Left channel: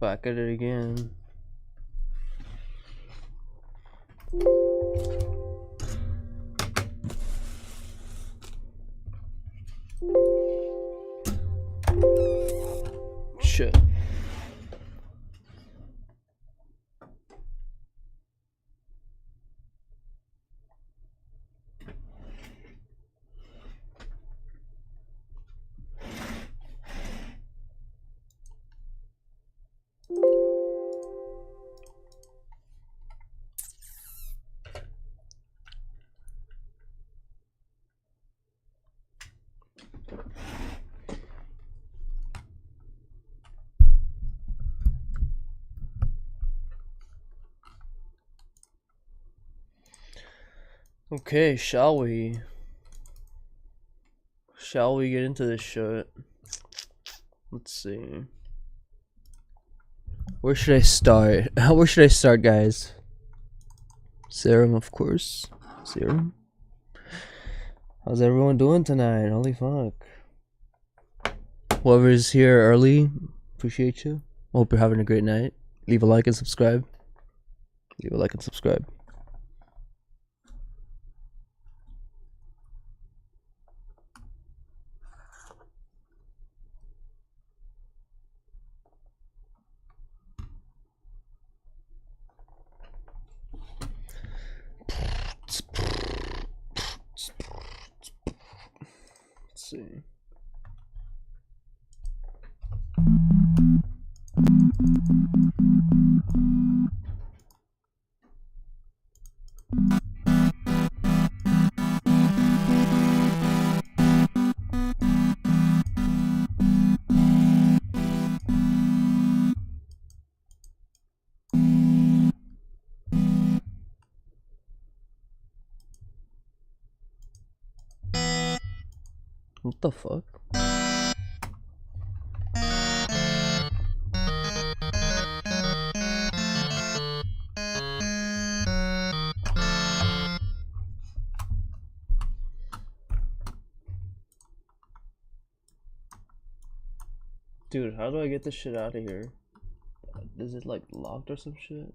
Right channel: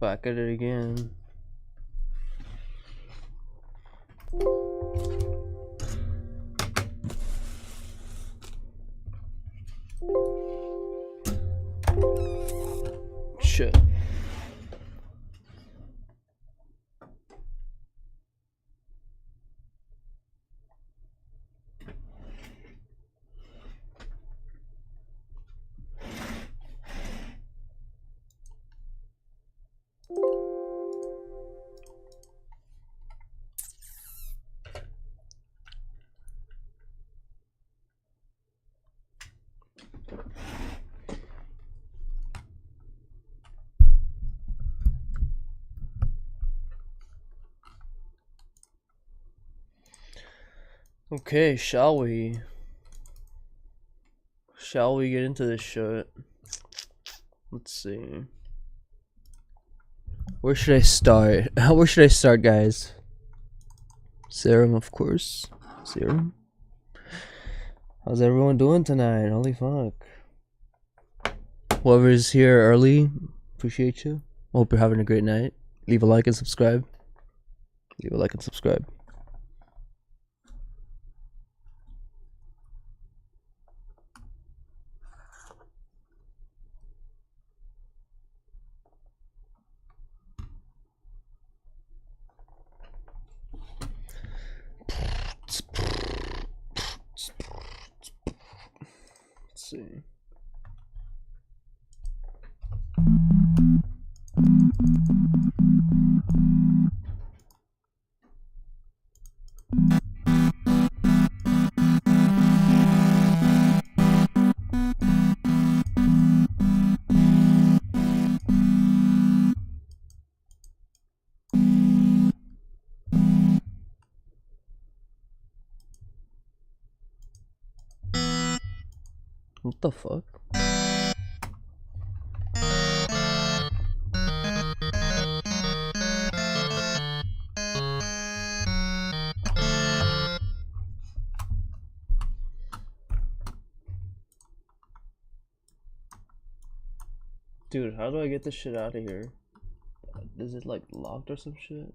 Back at it again. Shit. Okay, shall we? Shall we get into this shit? Let's see. Where should I start? Where should I start, guys? Serum, of course. Serum. How's everyone doing tonight? Holy fuck. Whoever's here early, appreciate you. Hope you're having a great night. Leave a like and subscribe. Leave a like and subscribe. Let's see. What the fuck? Dude, how do I get this shit out of here? Is it like locked or some shit?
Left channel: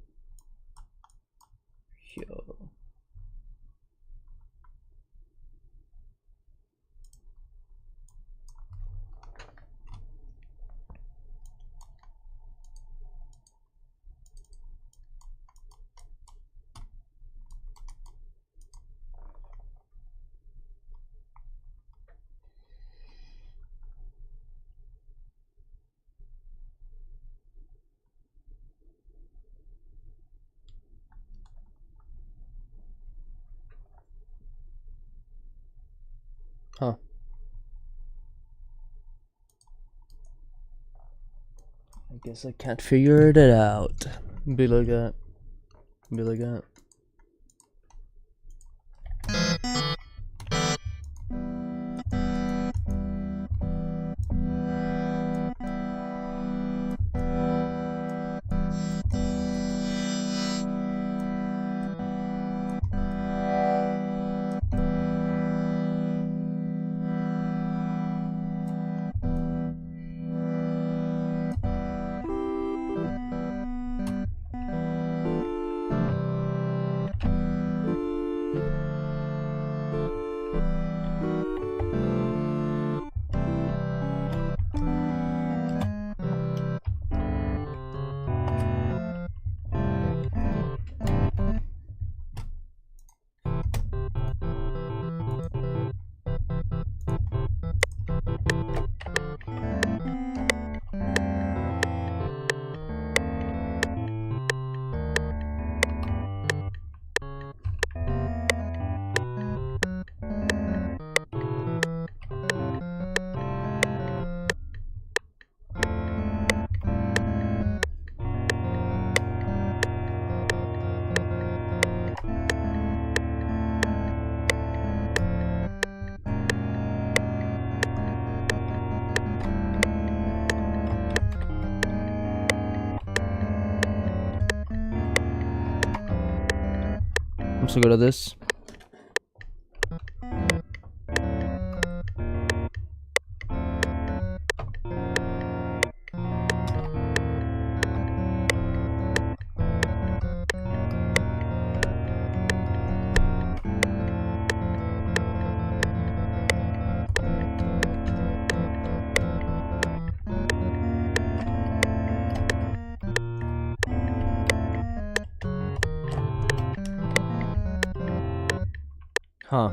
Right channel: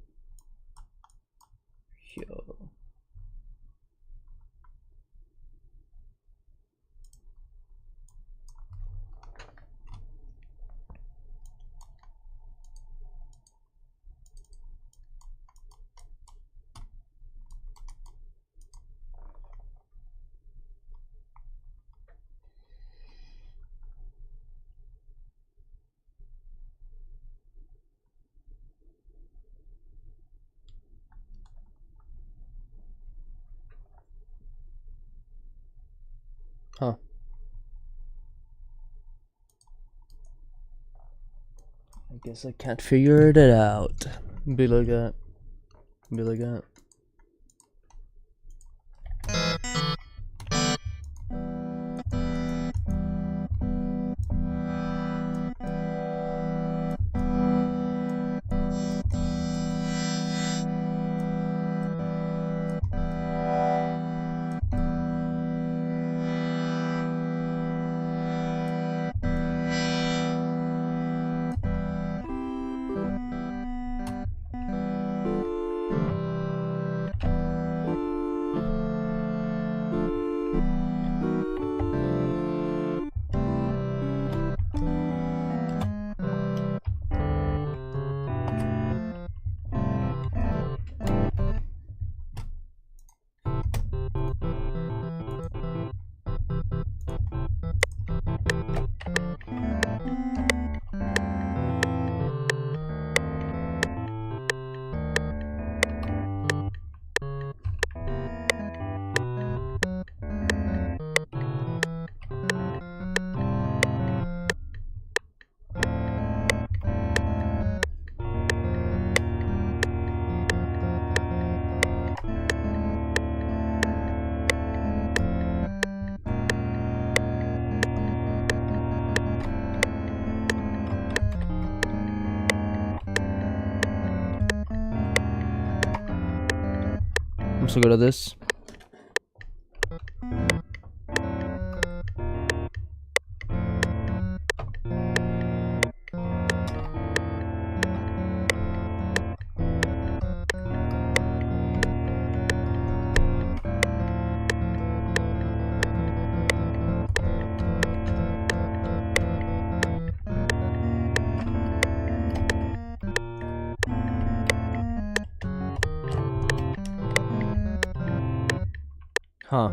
Yo. Huh. I guess I can't figure it out. Be like that. Be like that. I'm so good at this. Huh.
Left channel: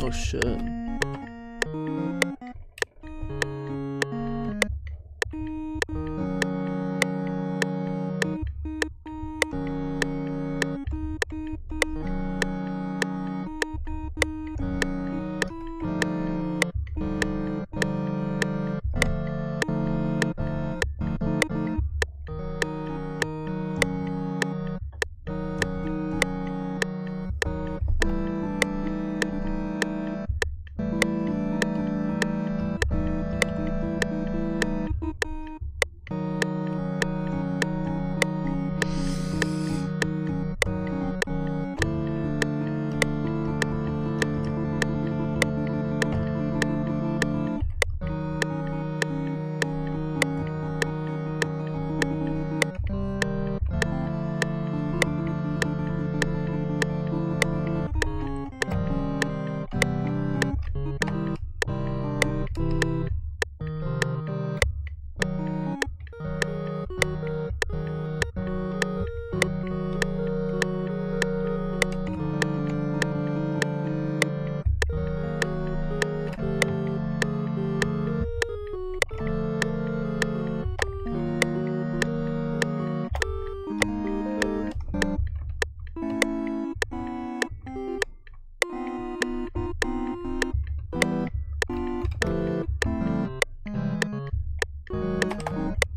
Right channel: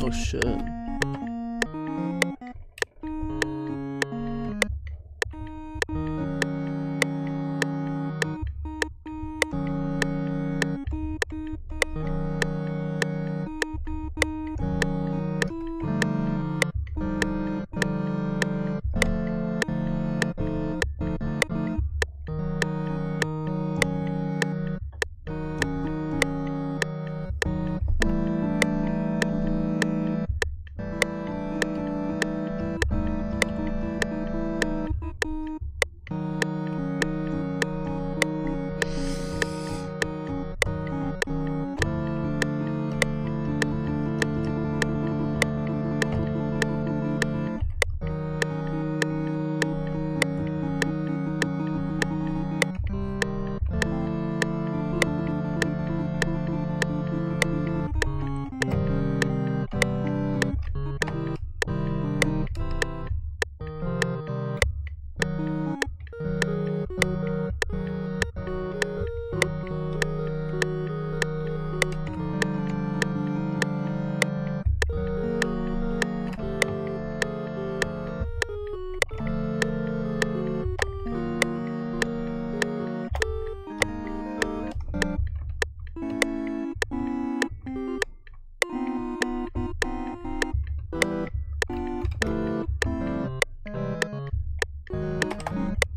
Oh shit.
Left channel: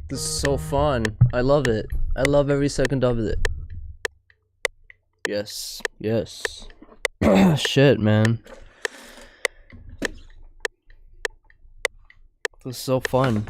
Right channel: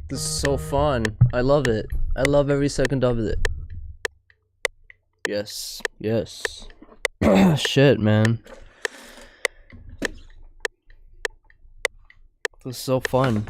This is so fun. I love it. I love every second of it. Yes. Yes. Shit, man. This is so fun.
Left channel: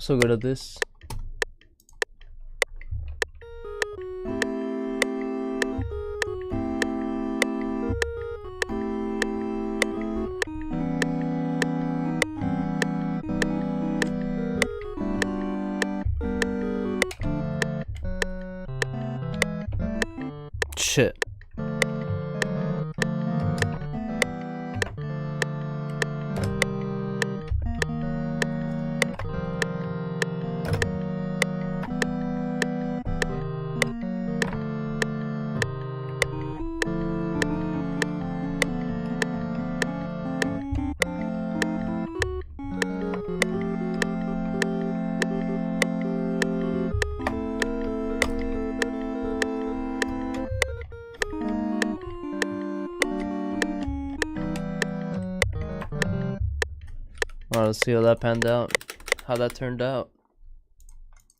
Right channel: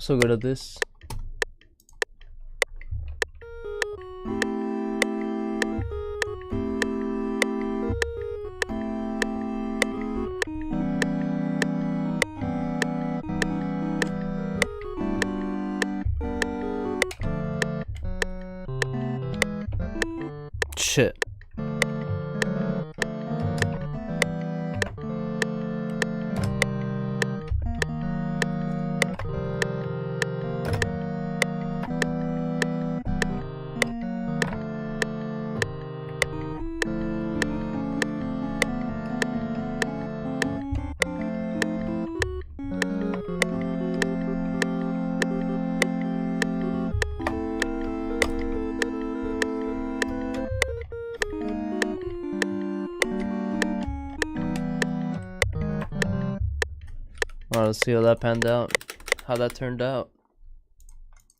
So good at this. shit. Alright, let's see how that panned out. How that turned out.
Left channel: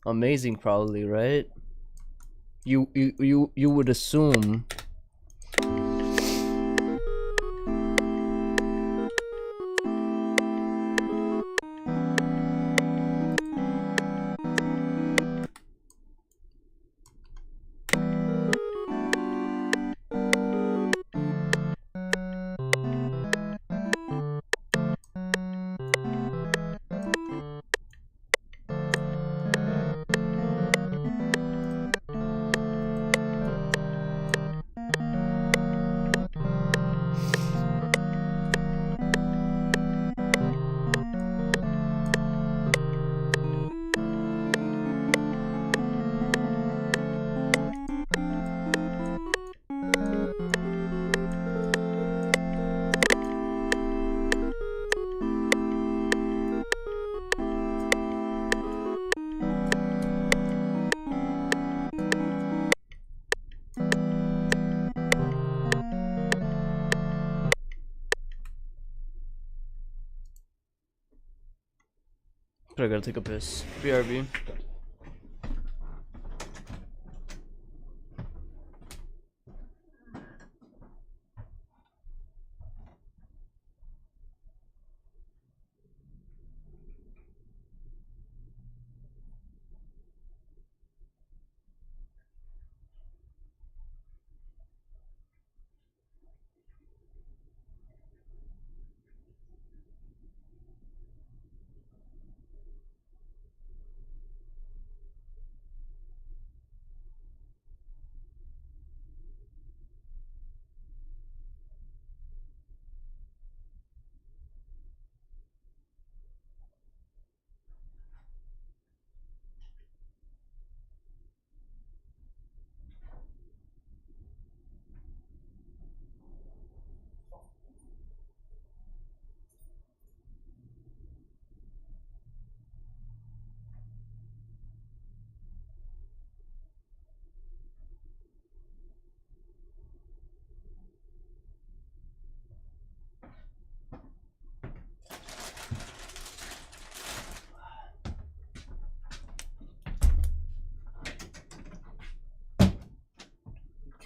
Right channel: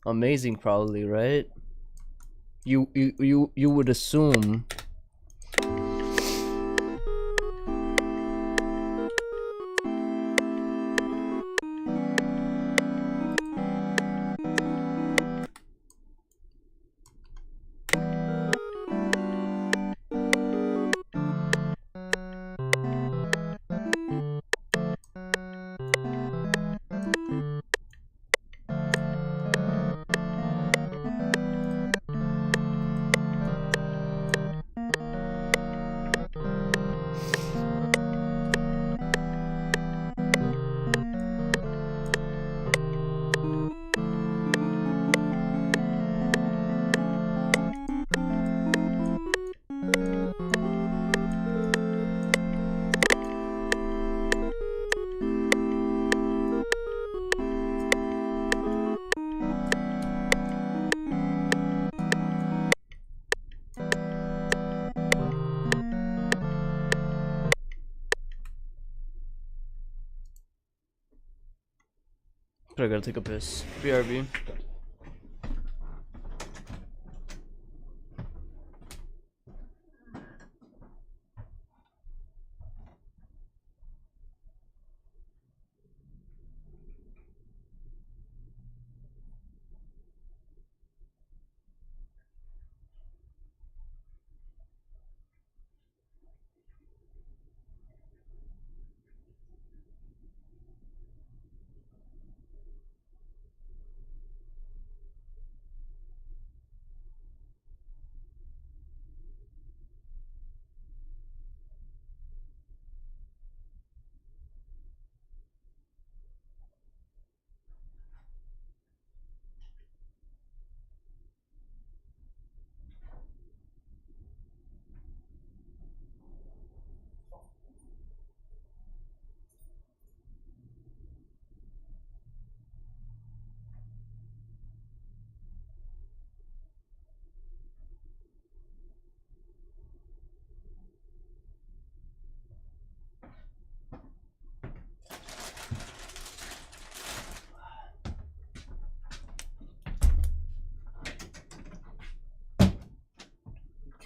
Amazing, probably, right? You would assume. But I gotta take a piss. BRB.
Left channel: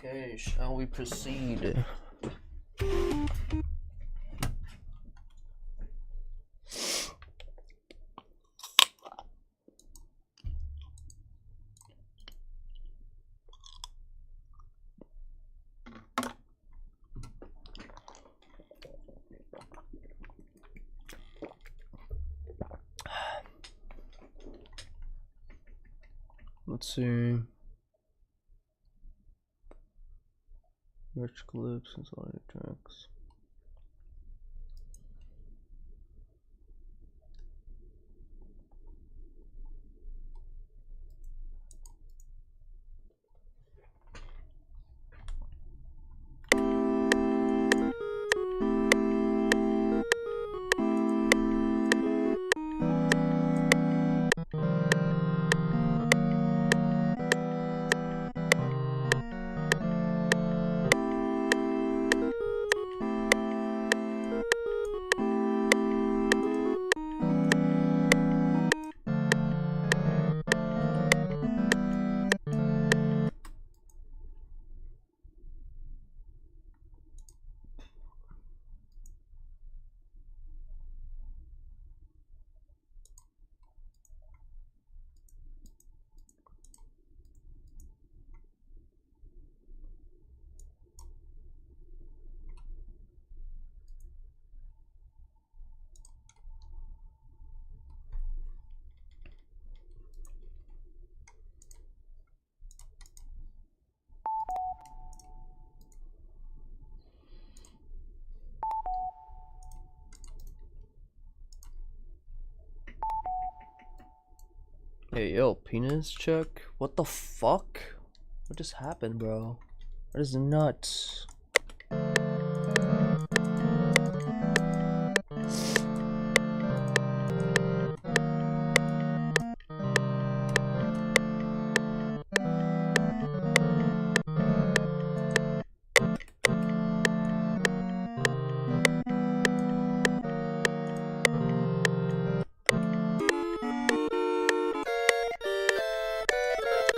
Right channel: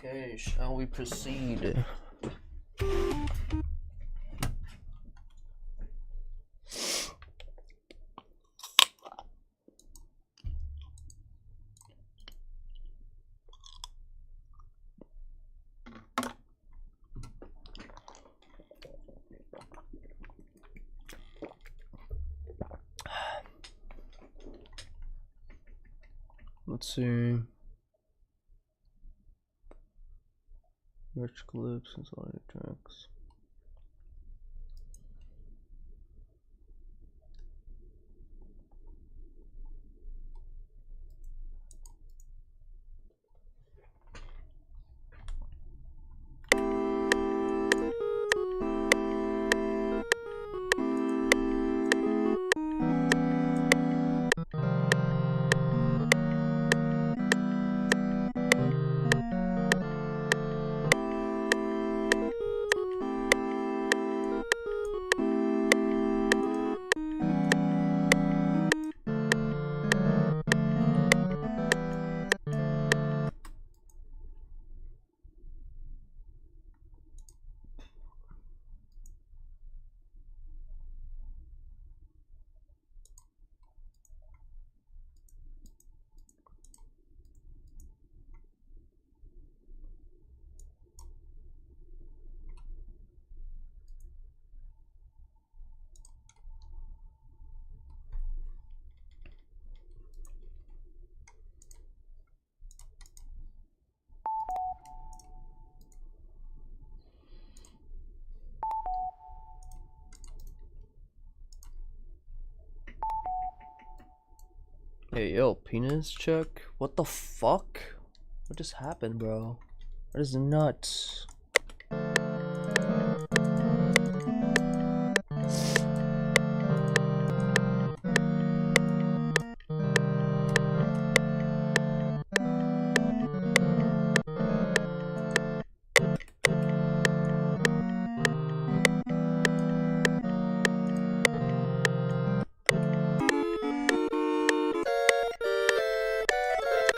Okay, shall we proceed? Let's see. Rich clips and audio tracks. Hey, yo, penis check? What the fuck? What just happened, bro? That is nuts.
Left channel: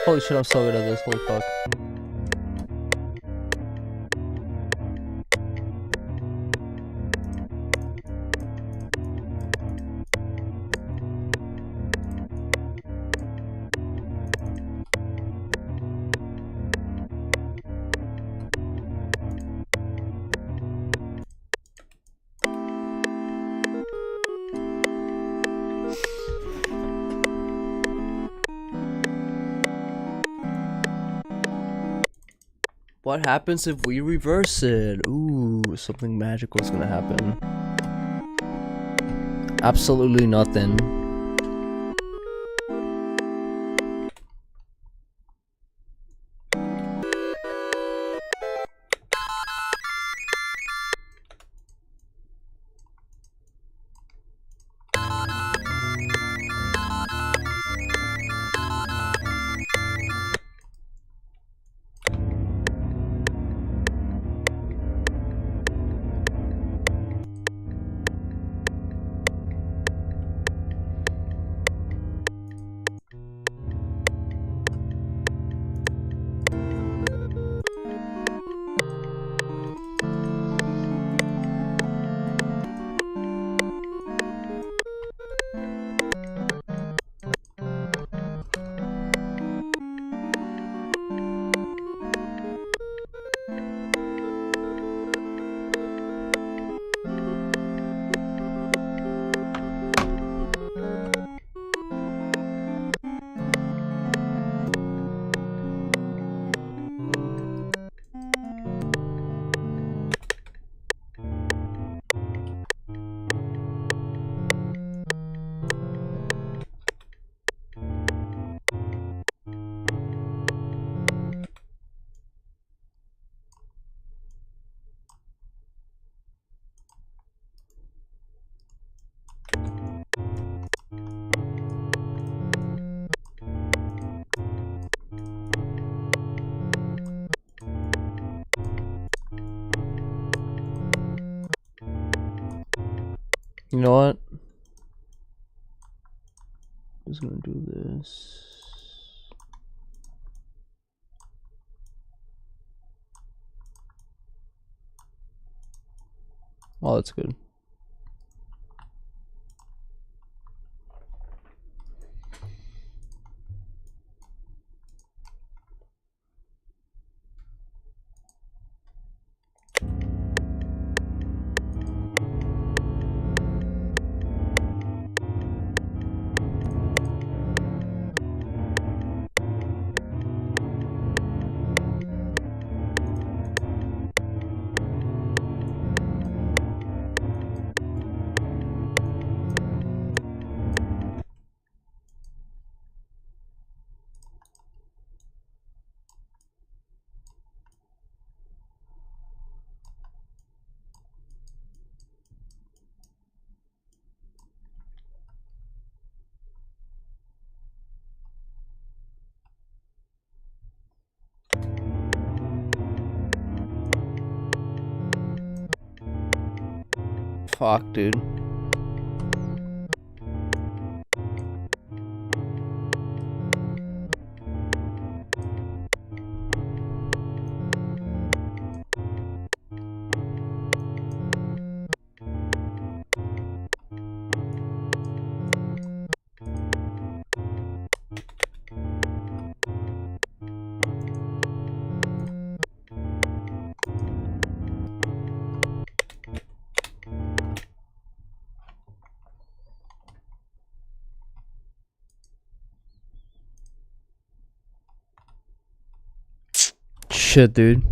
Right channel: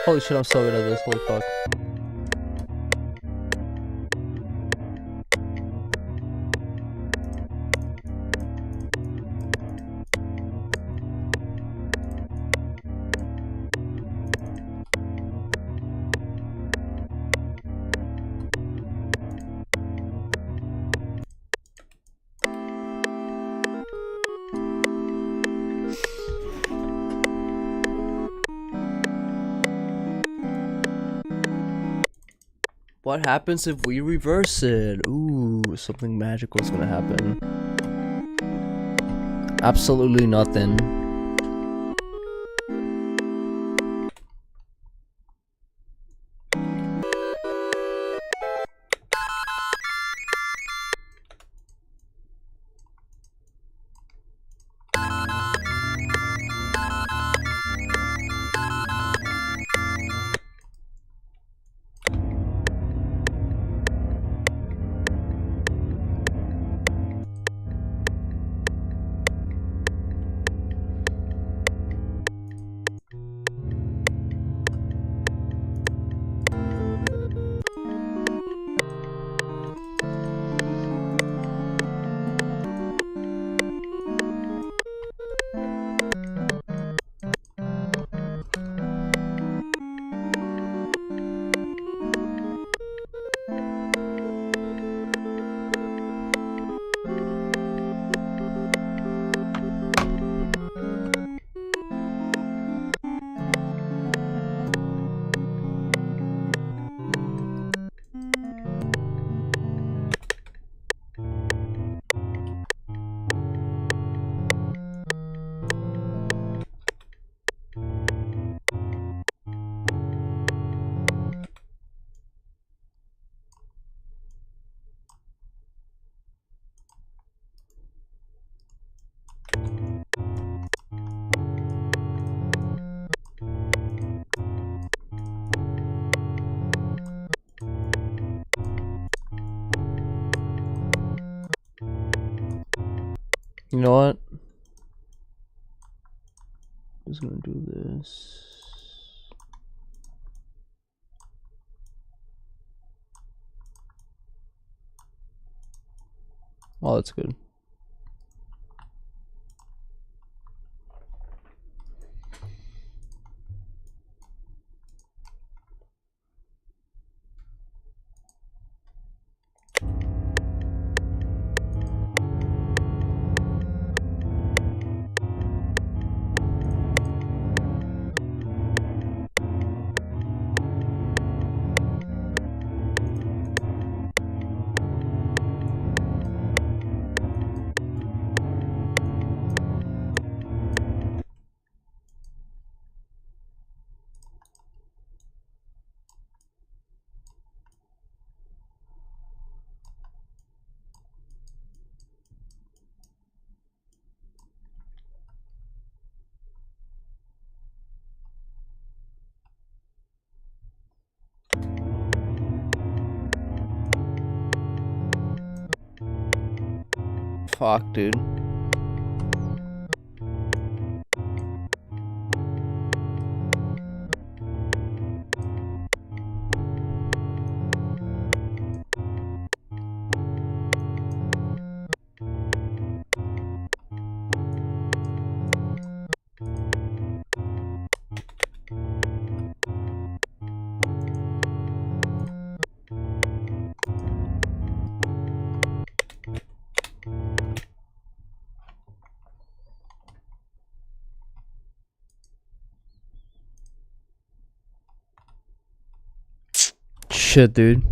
Holy shit, I'm so good at this, holy fuck. What happens if we reverse it? Ooh, something magical is gonna happen. Absolutely nothing. You know what? I'm just gonna do this. Oh, that's good. Fuck, dude. Shit, dude.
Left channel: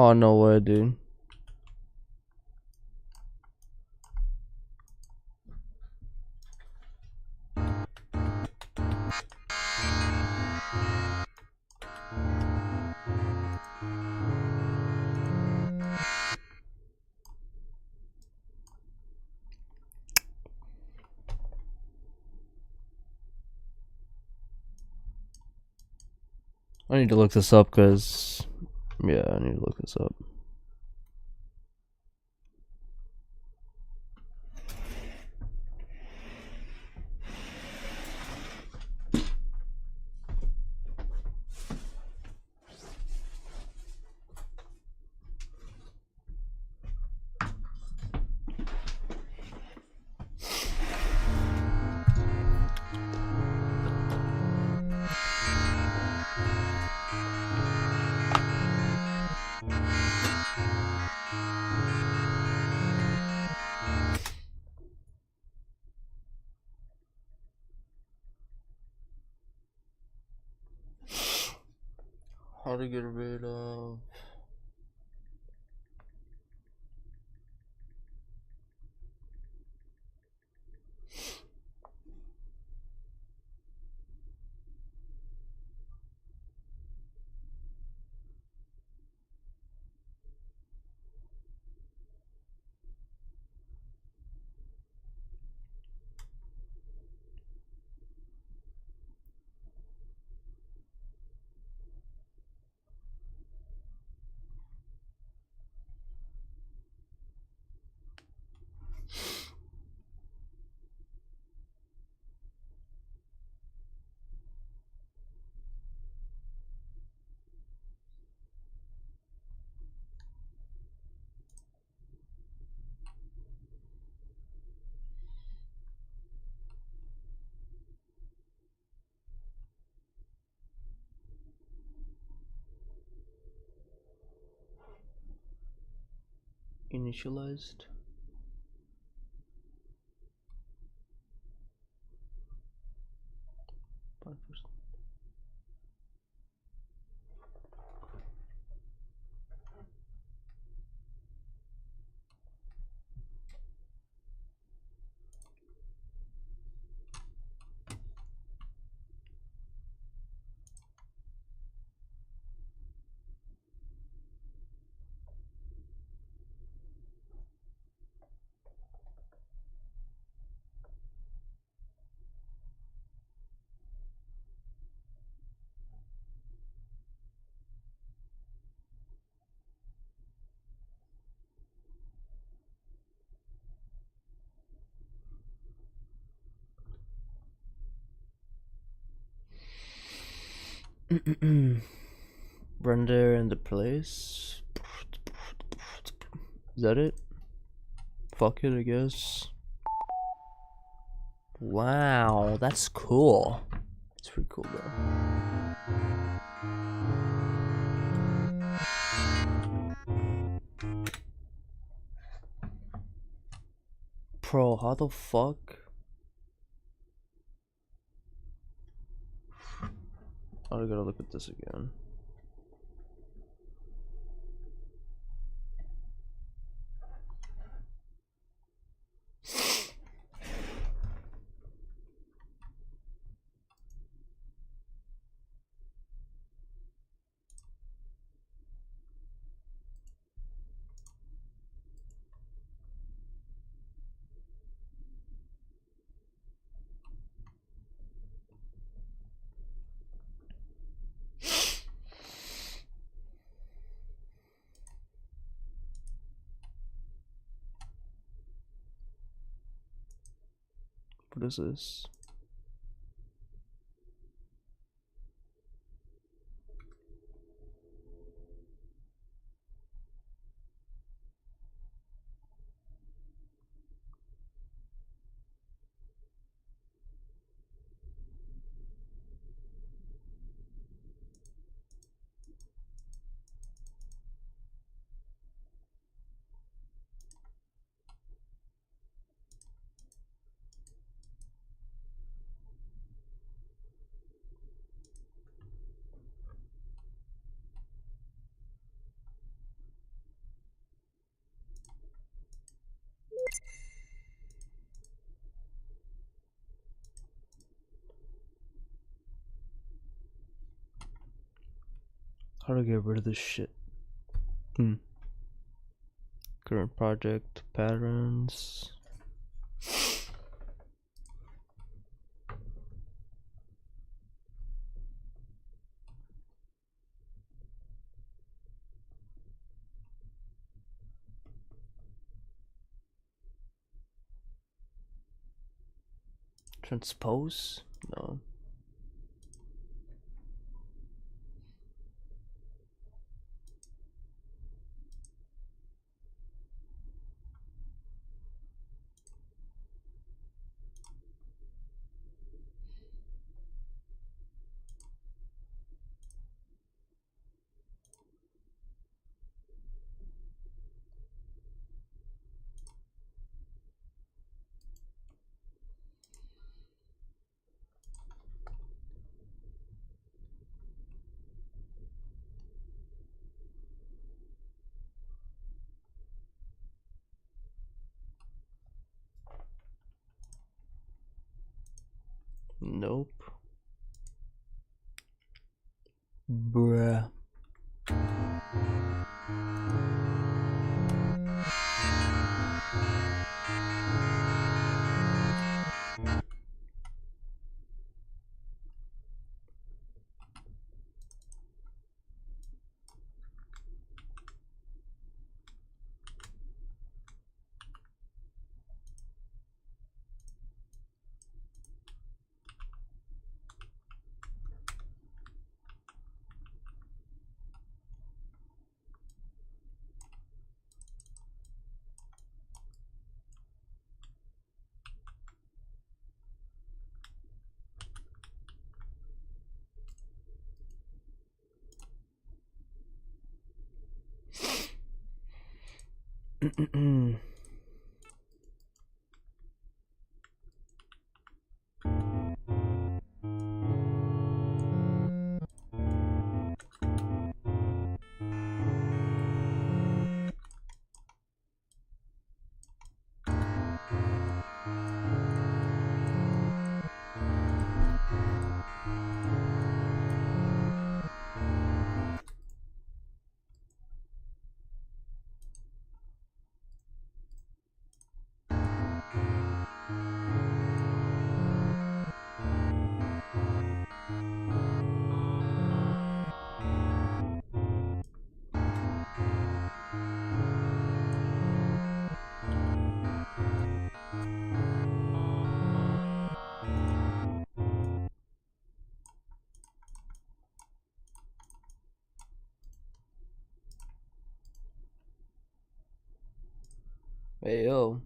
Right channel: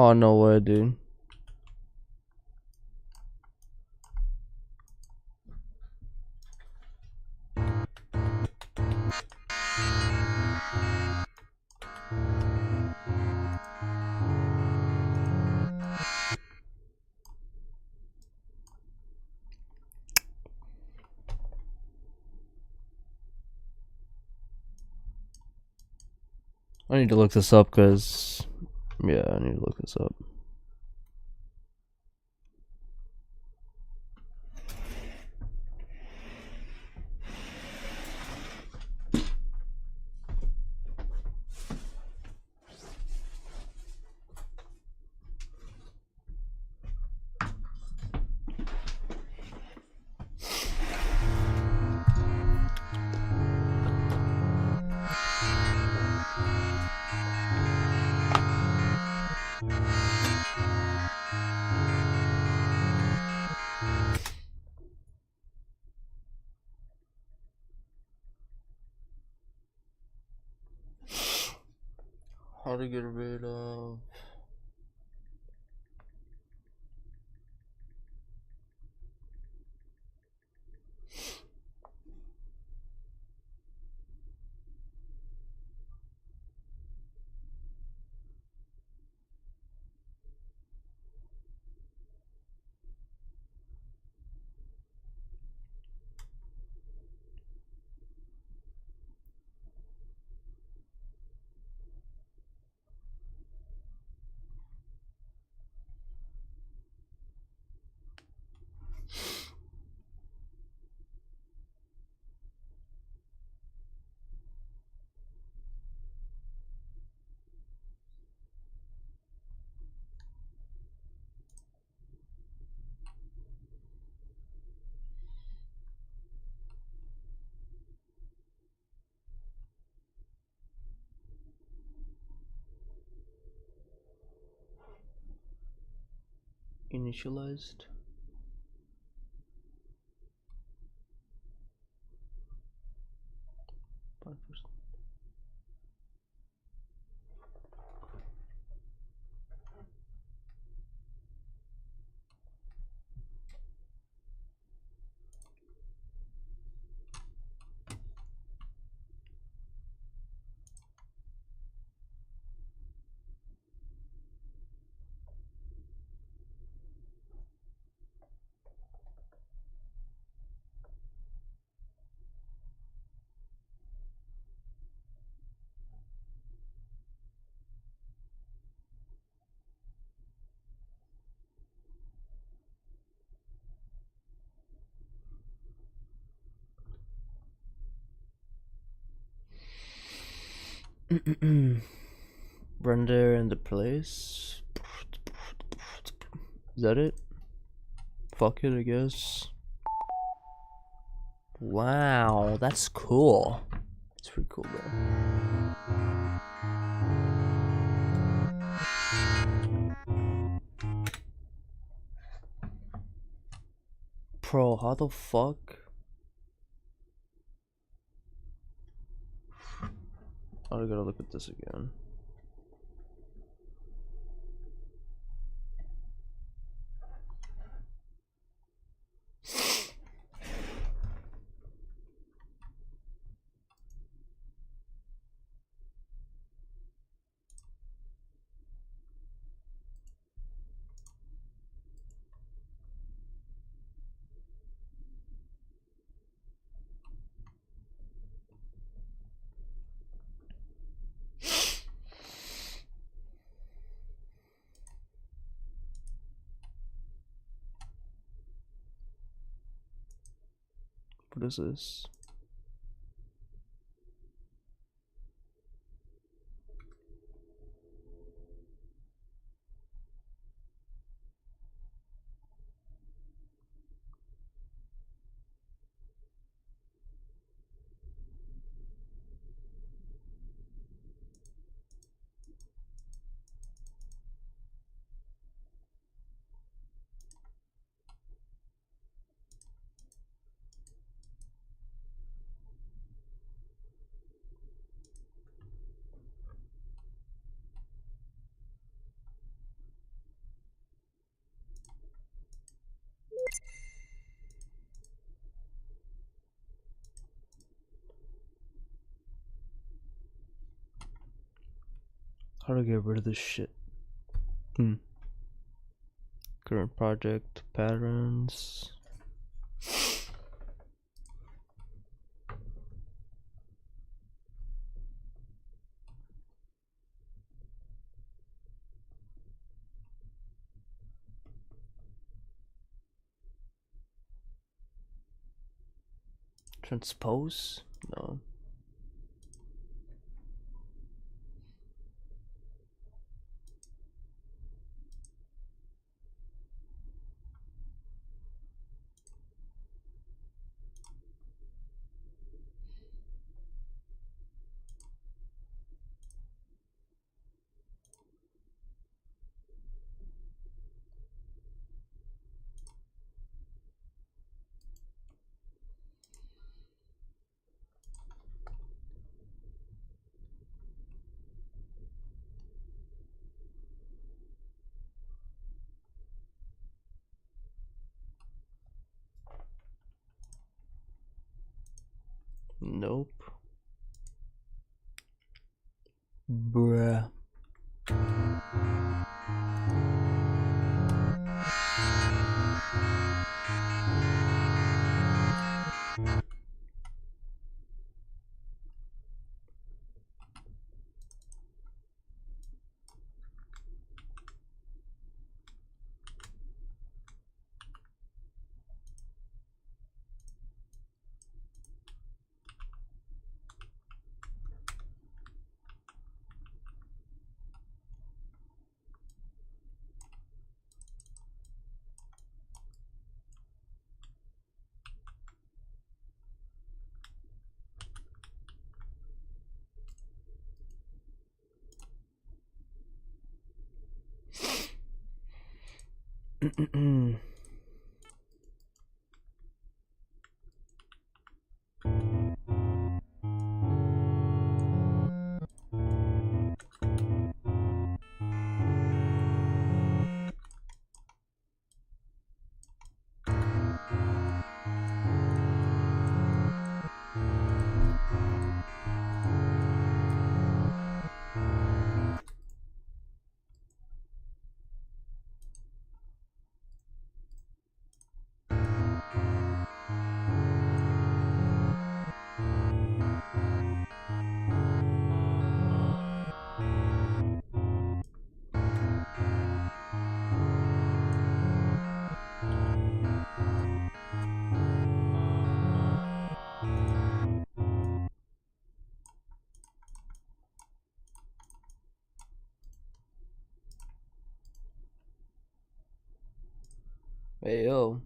Oh, no way, dude. I need to look this up because, yeah, I need to look this up. How to get rid of... initialized? Render in the place. Is that it? Fuck it, I guess. Wow, that's cool. It's pretty cool, bro. Bro, how the fuck? I gotta look at this again. What is this? How to get rid of this shit? Current project patterns. Transpose? No. Nope. Bruh. Hey yo.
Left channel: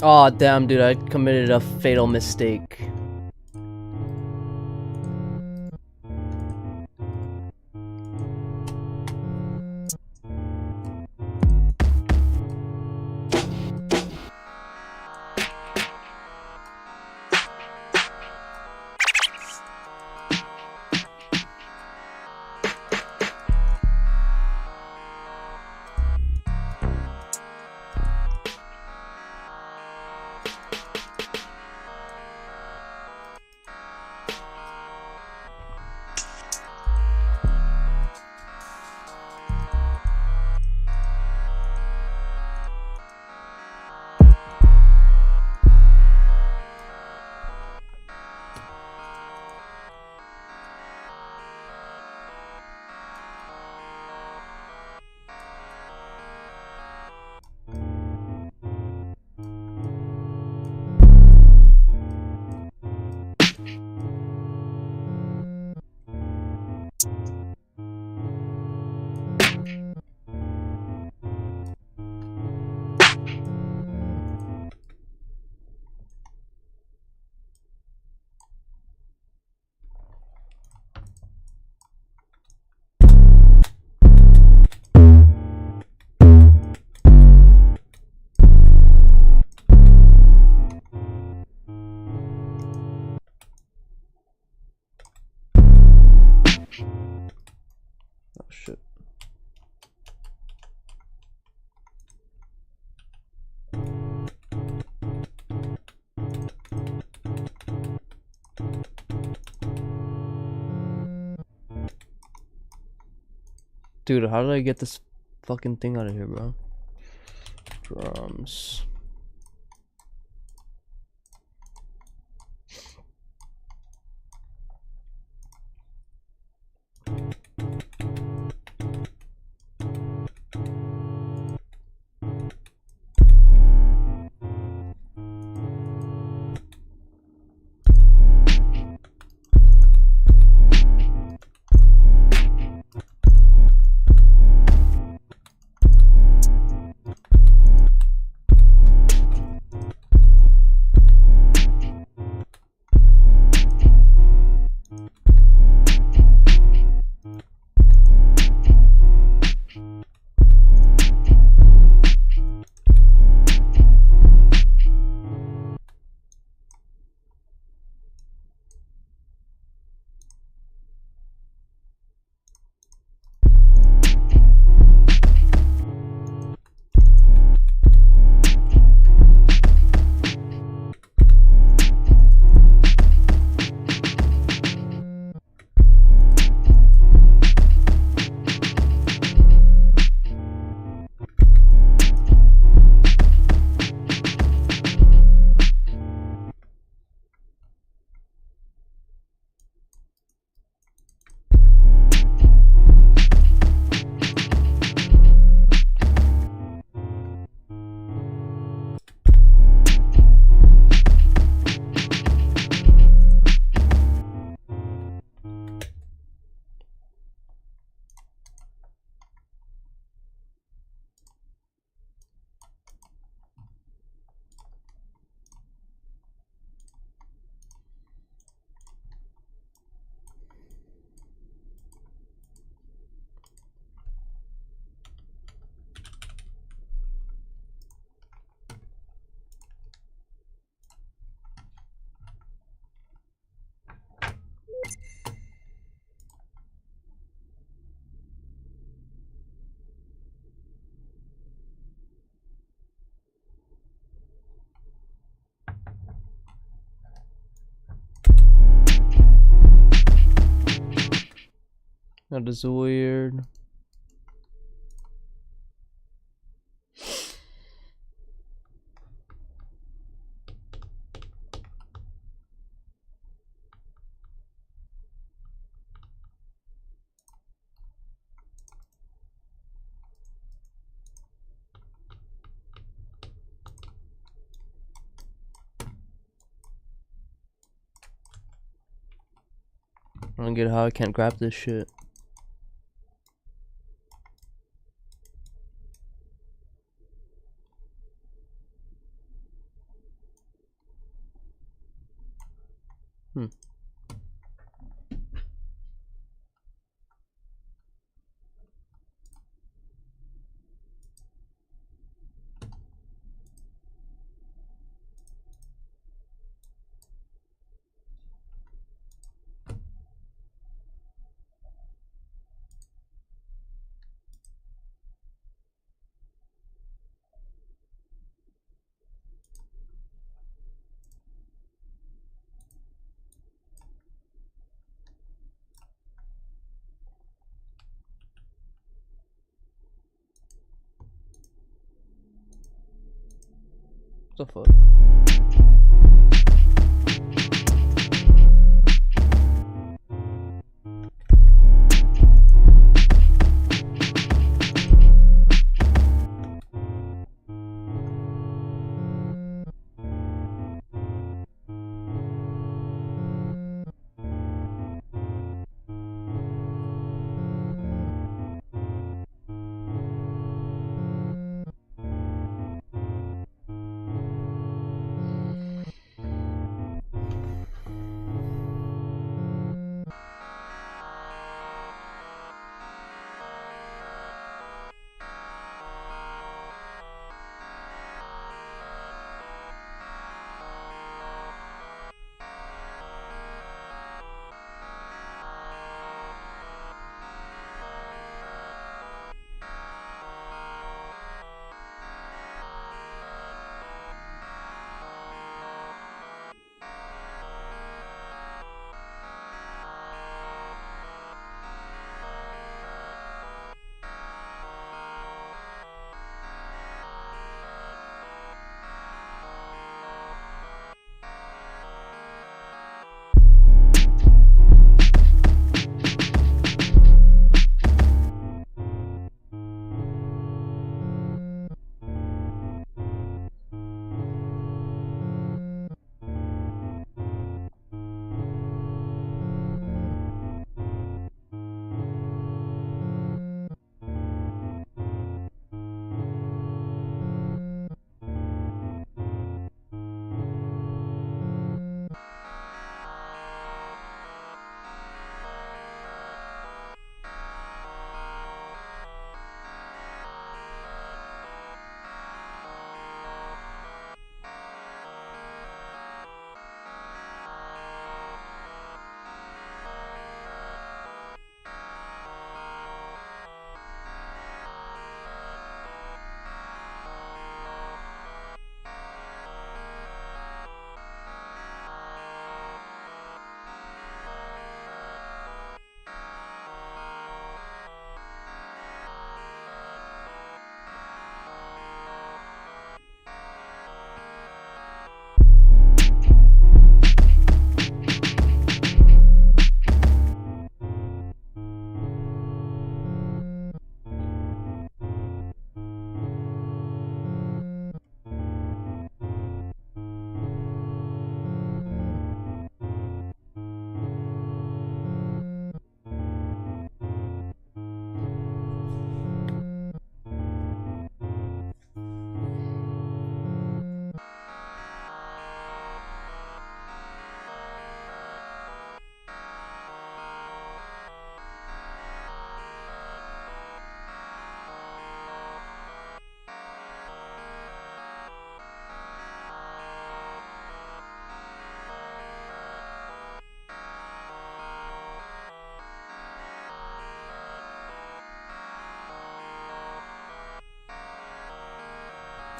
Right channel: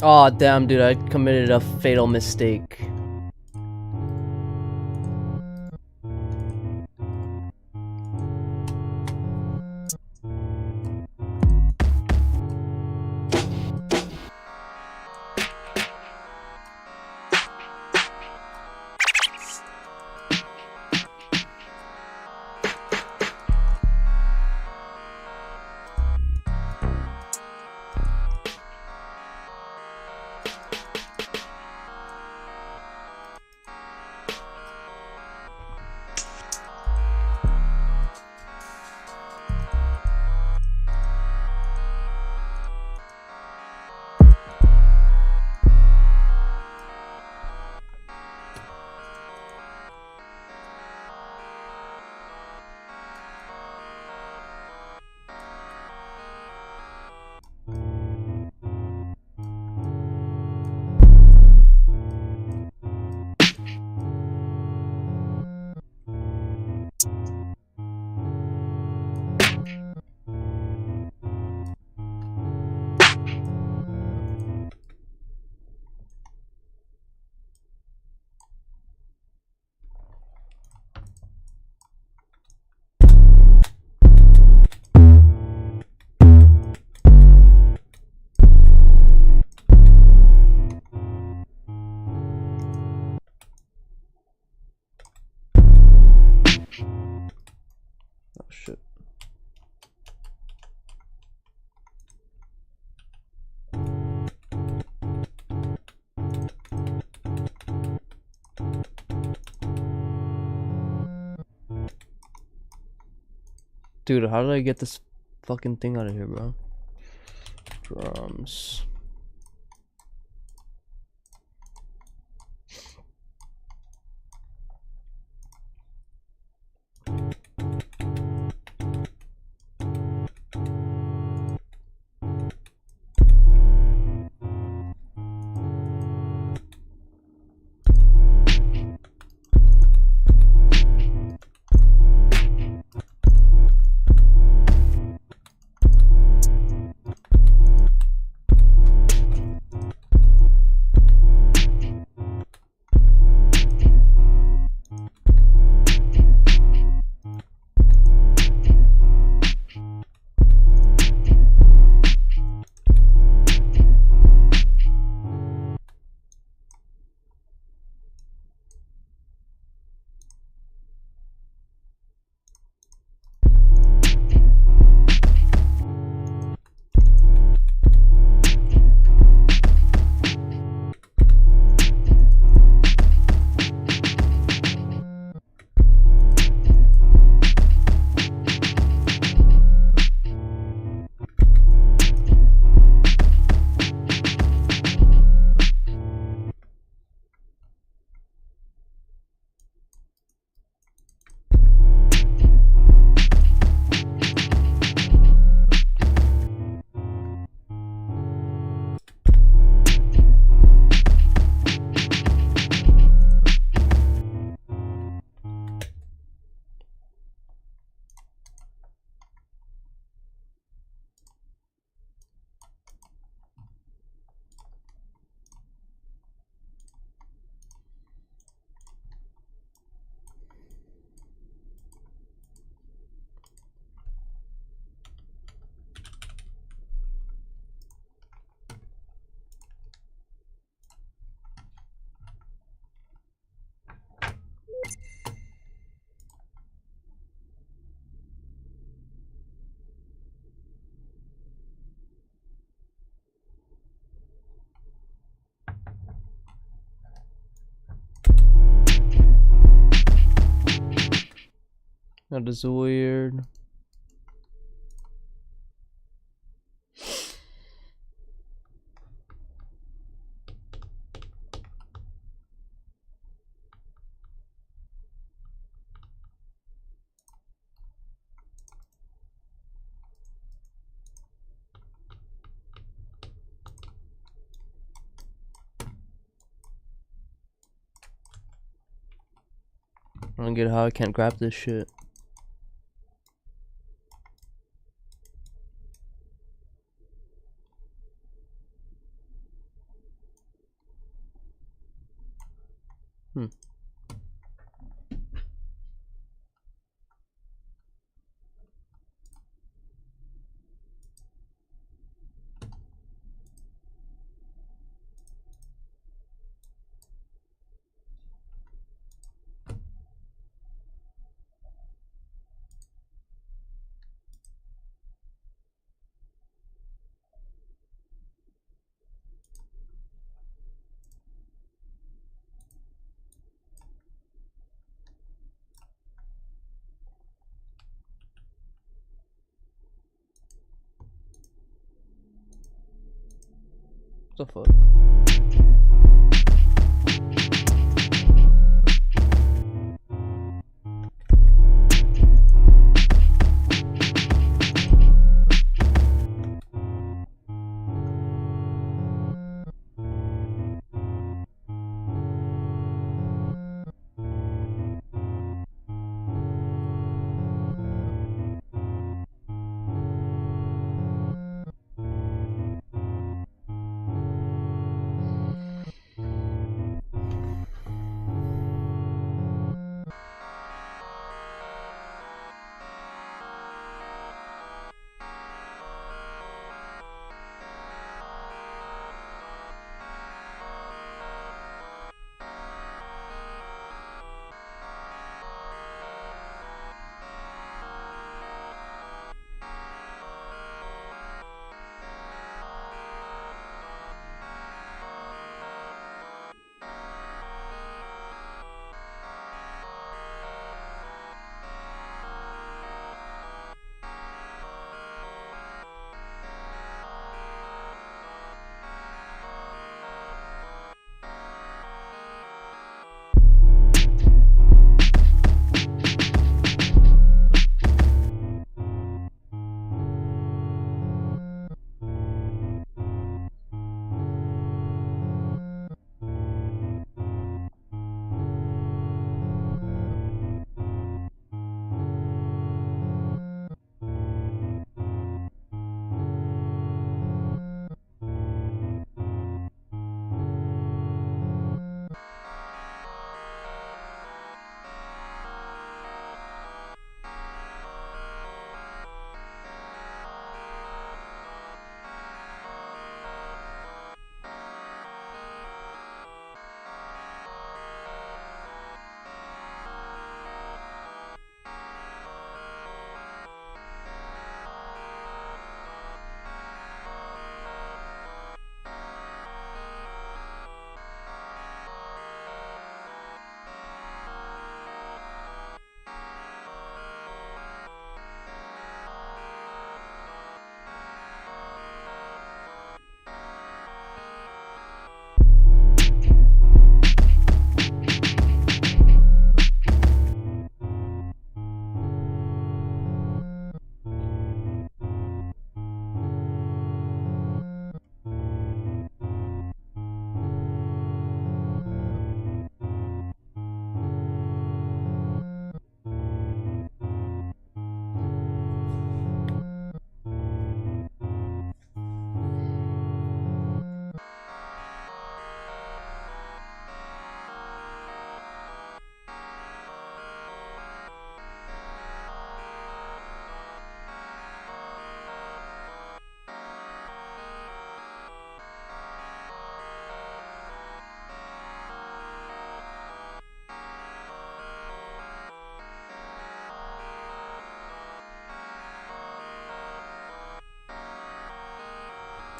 Oh damn, dude! I committed a fatal mistake. Oh shit. Dude, how did I get this fucking thing out of here, bro? Drums. That is weird. I don't get how I can't grab this shit. What the fuck?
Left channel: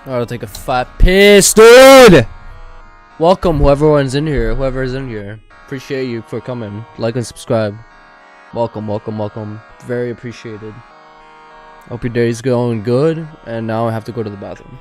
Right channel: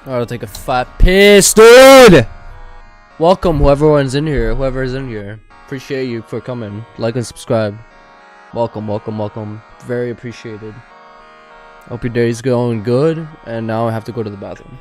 I'll take a fat piss, dude! Welcome, whoever's in here. Appreciate you for coming. Like and subscribe. Welcome. Very appreciated. Hope your day's going good, and now I have to go to the bathroom.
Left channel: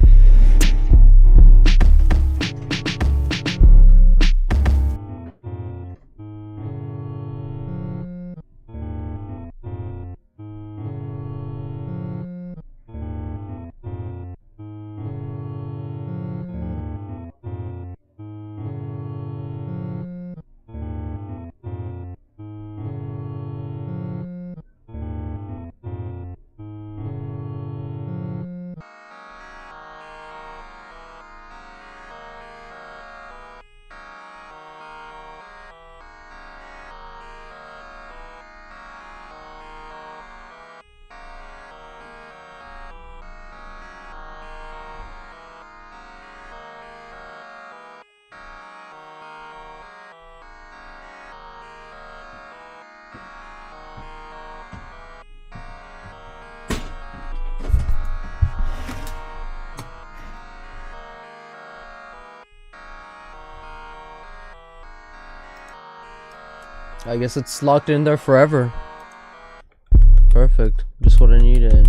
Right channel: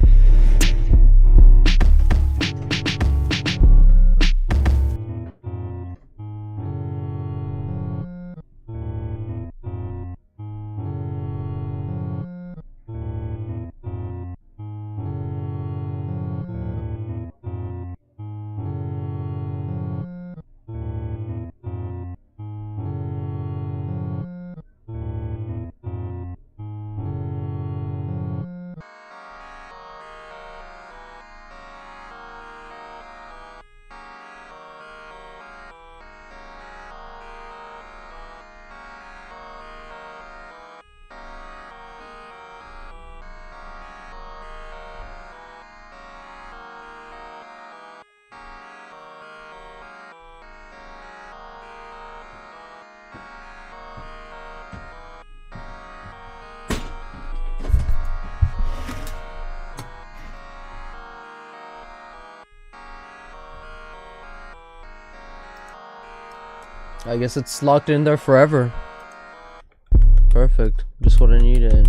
I guess it's locked in there forever. Perfect. Just what I needed.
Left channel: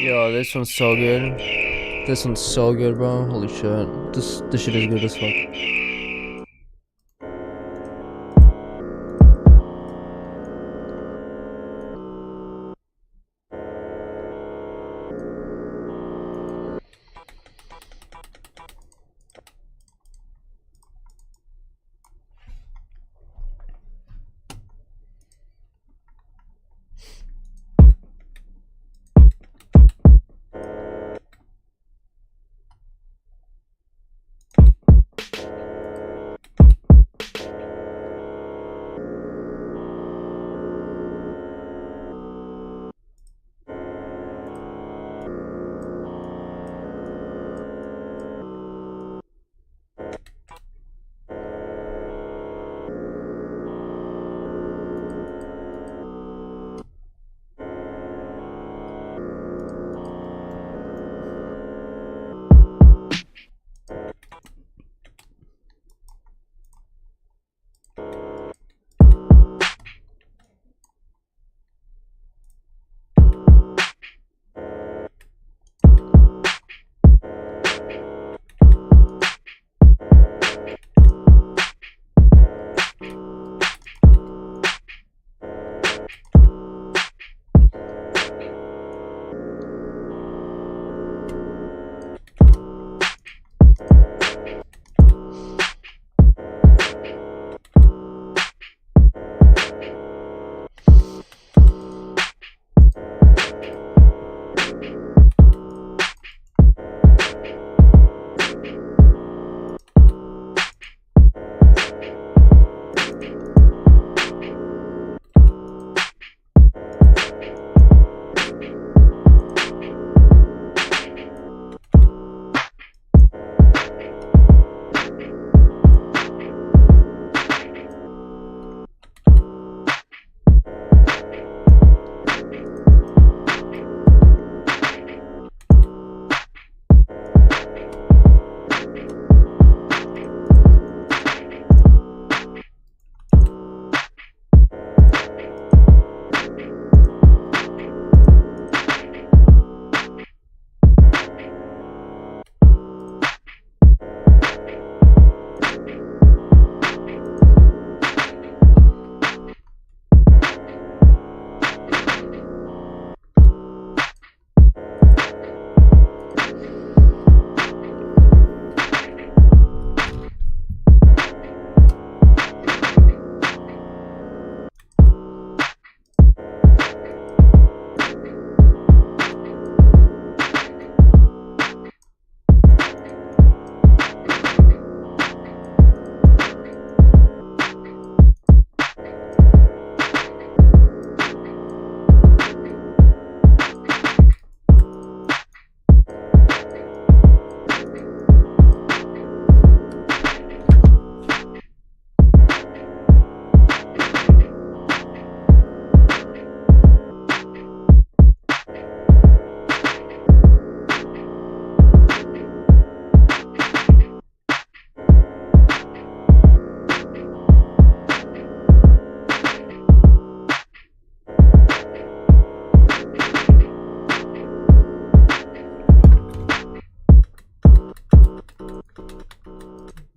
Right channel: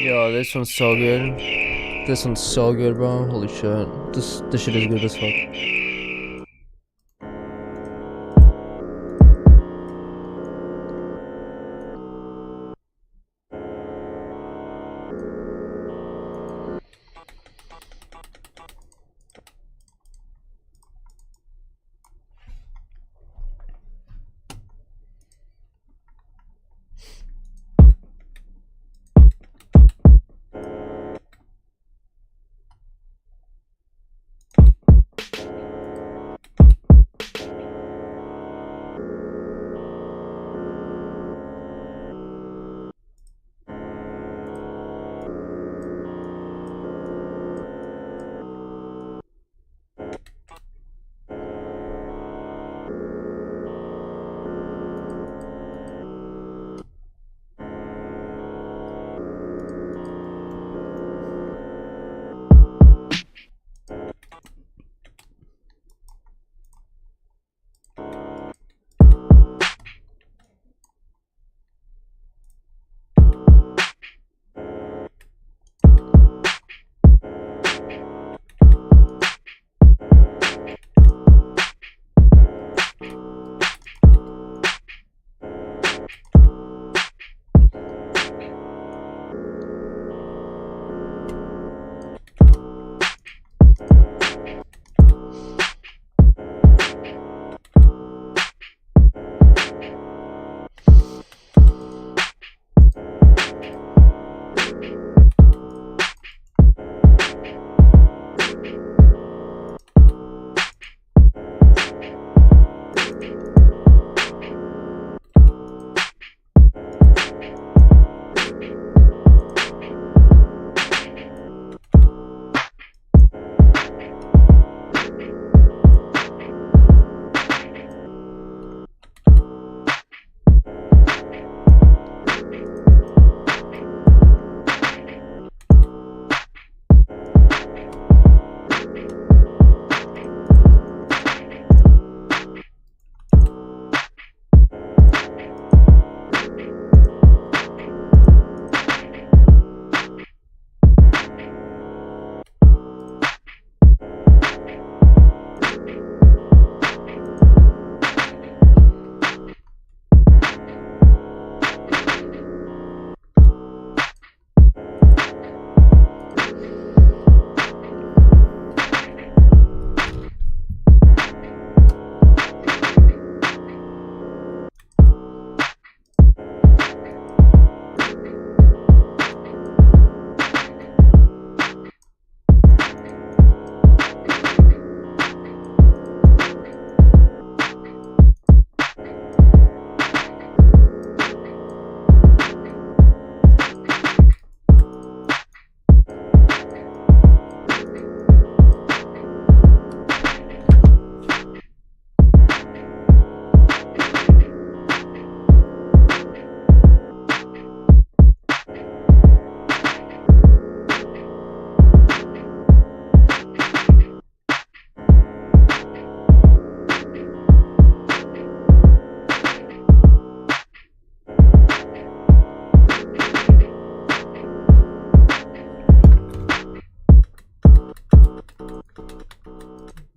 Yo, this one's so good. This one's so good, bro. Holy shit. This shit is good as fuck.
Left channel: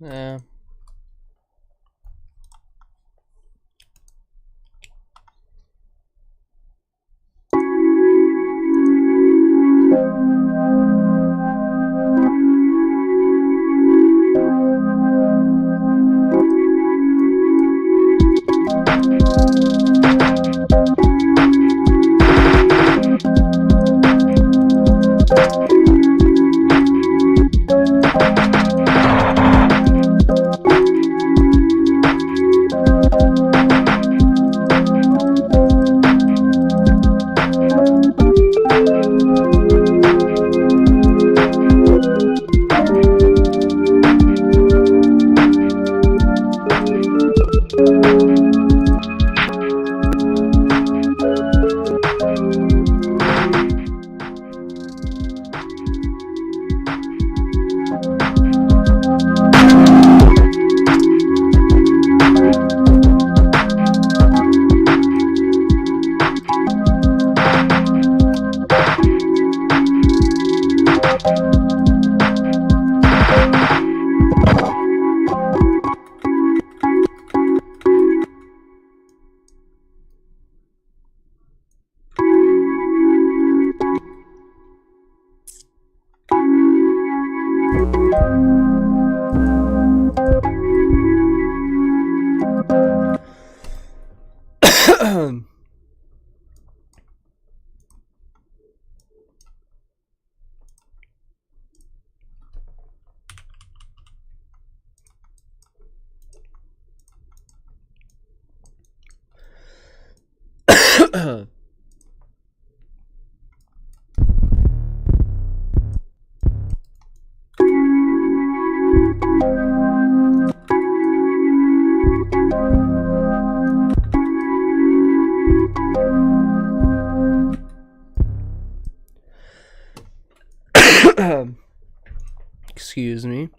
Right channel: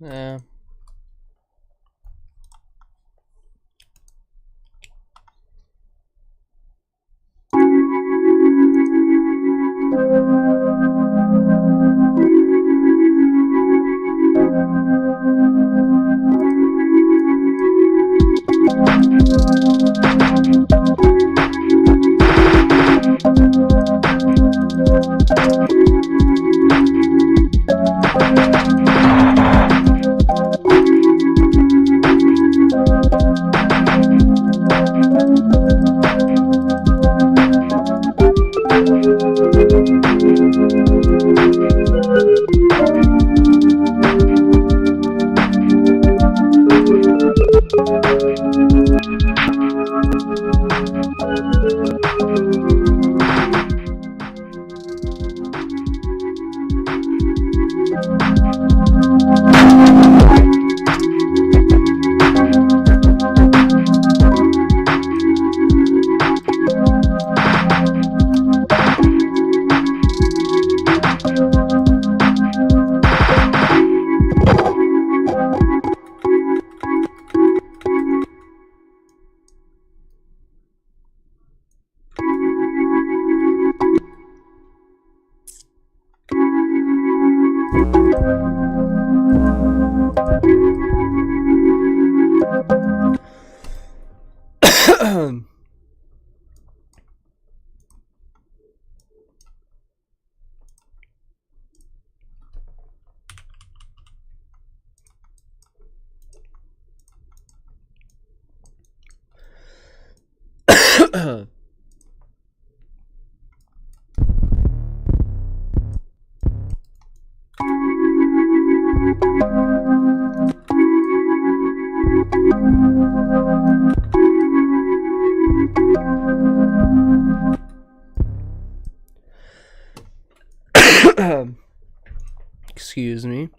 Yeah. Excuse me.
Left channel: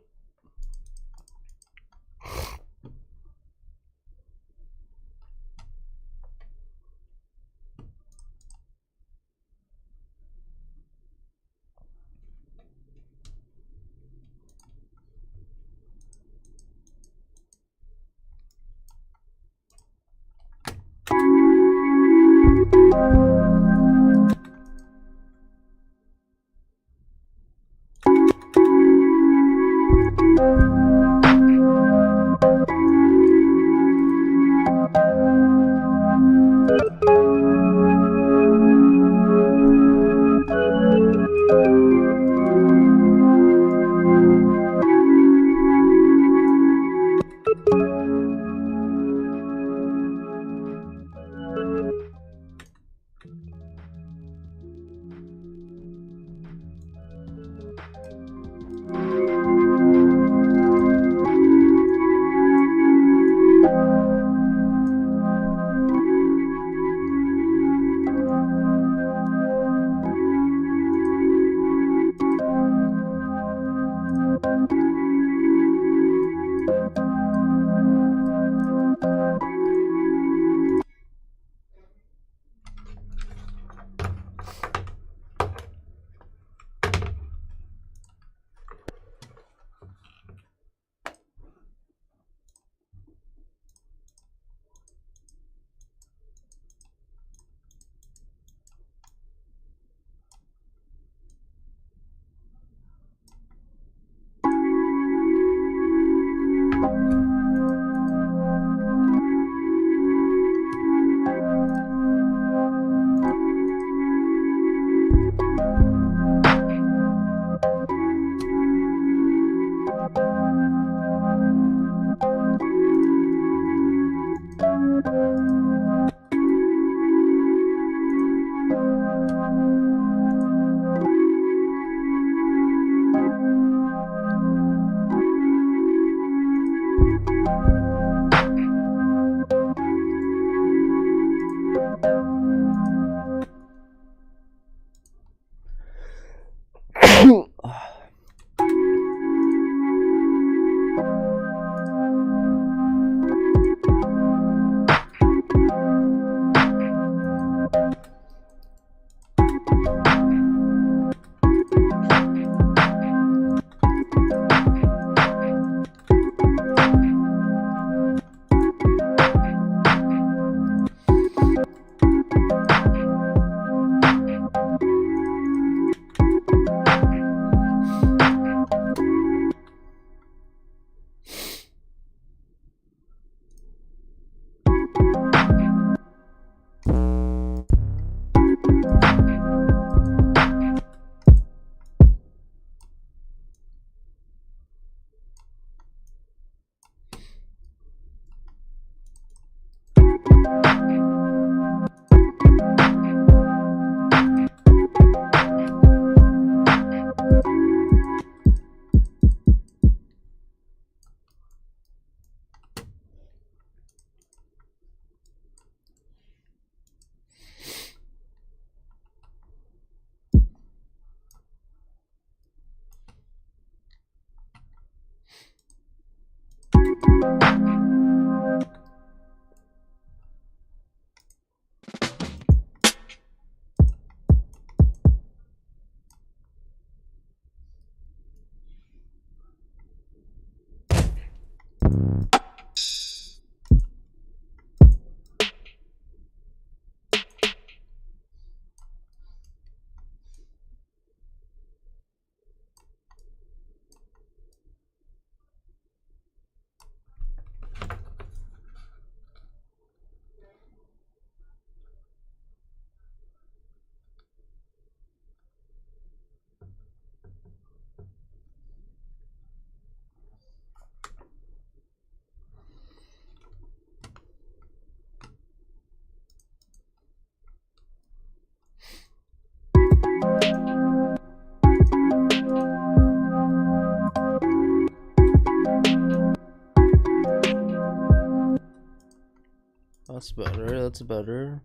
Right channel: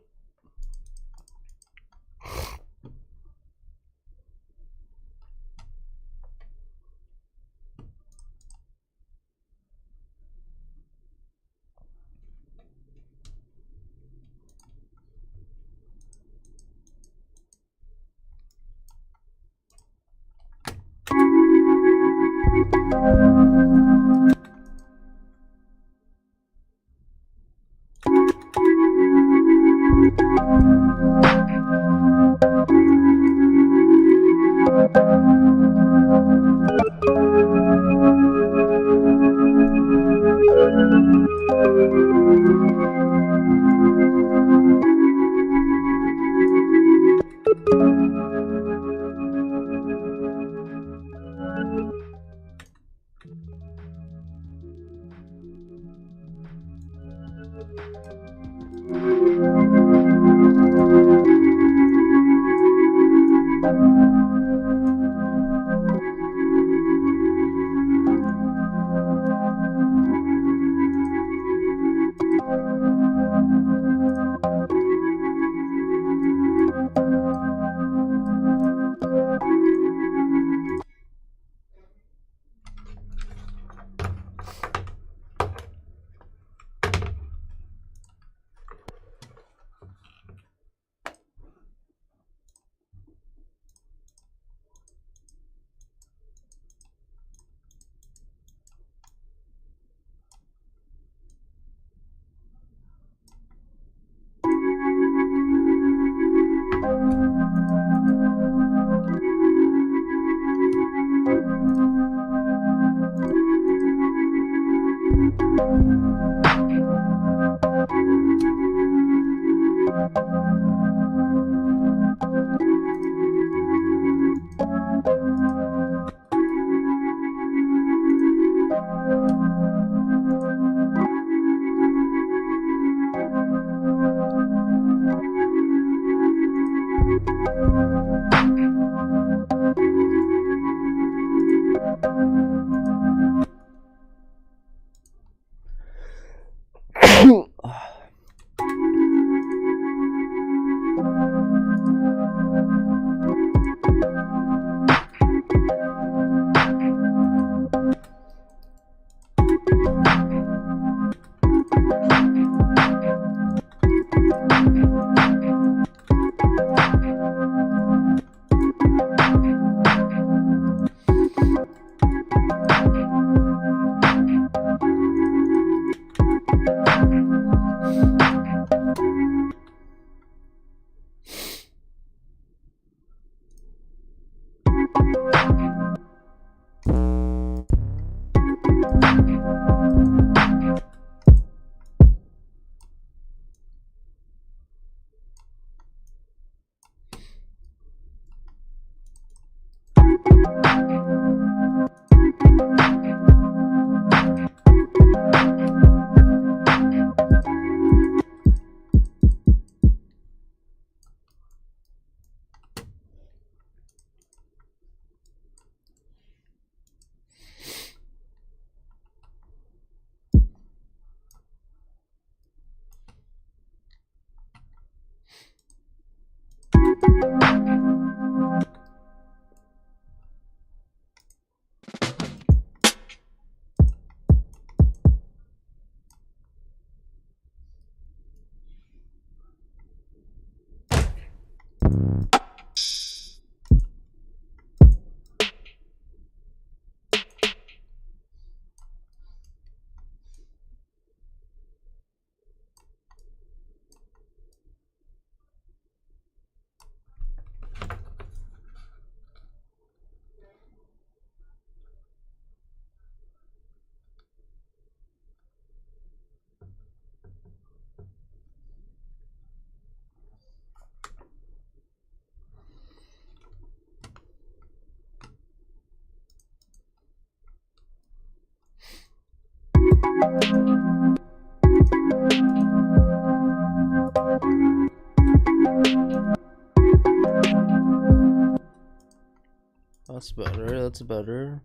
That's better. That's better.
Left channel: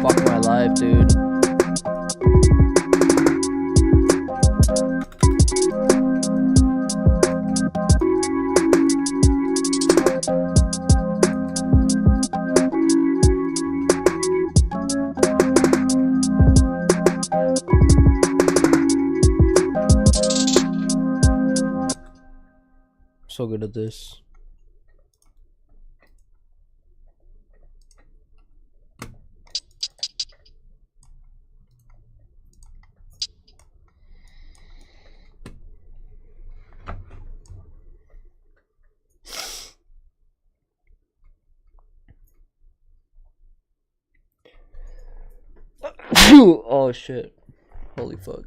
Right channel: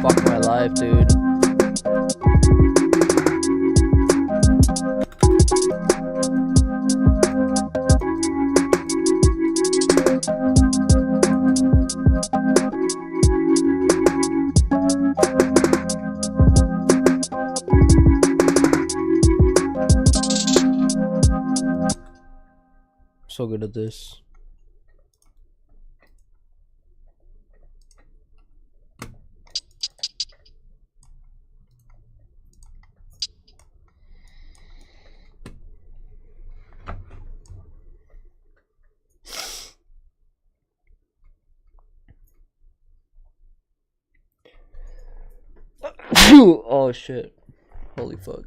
Fuck my life, dude. So good at this. Oh shit. Holy fuck.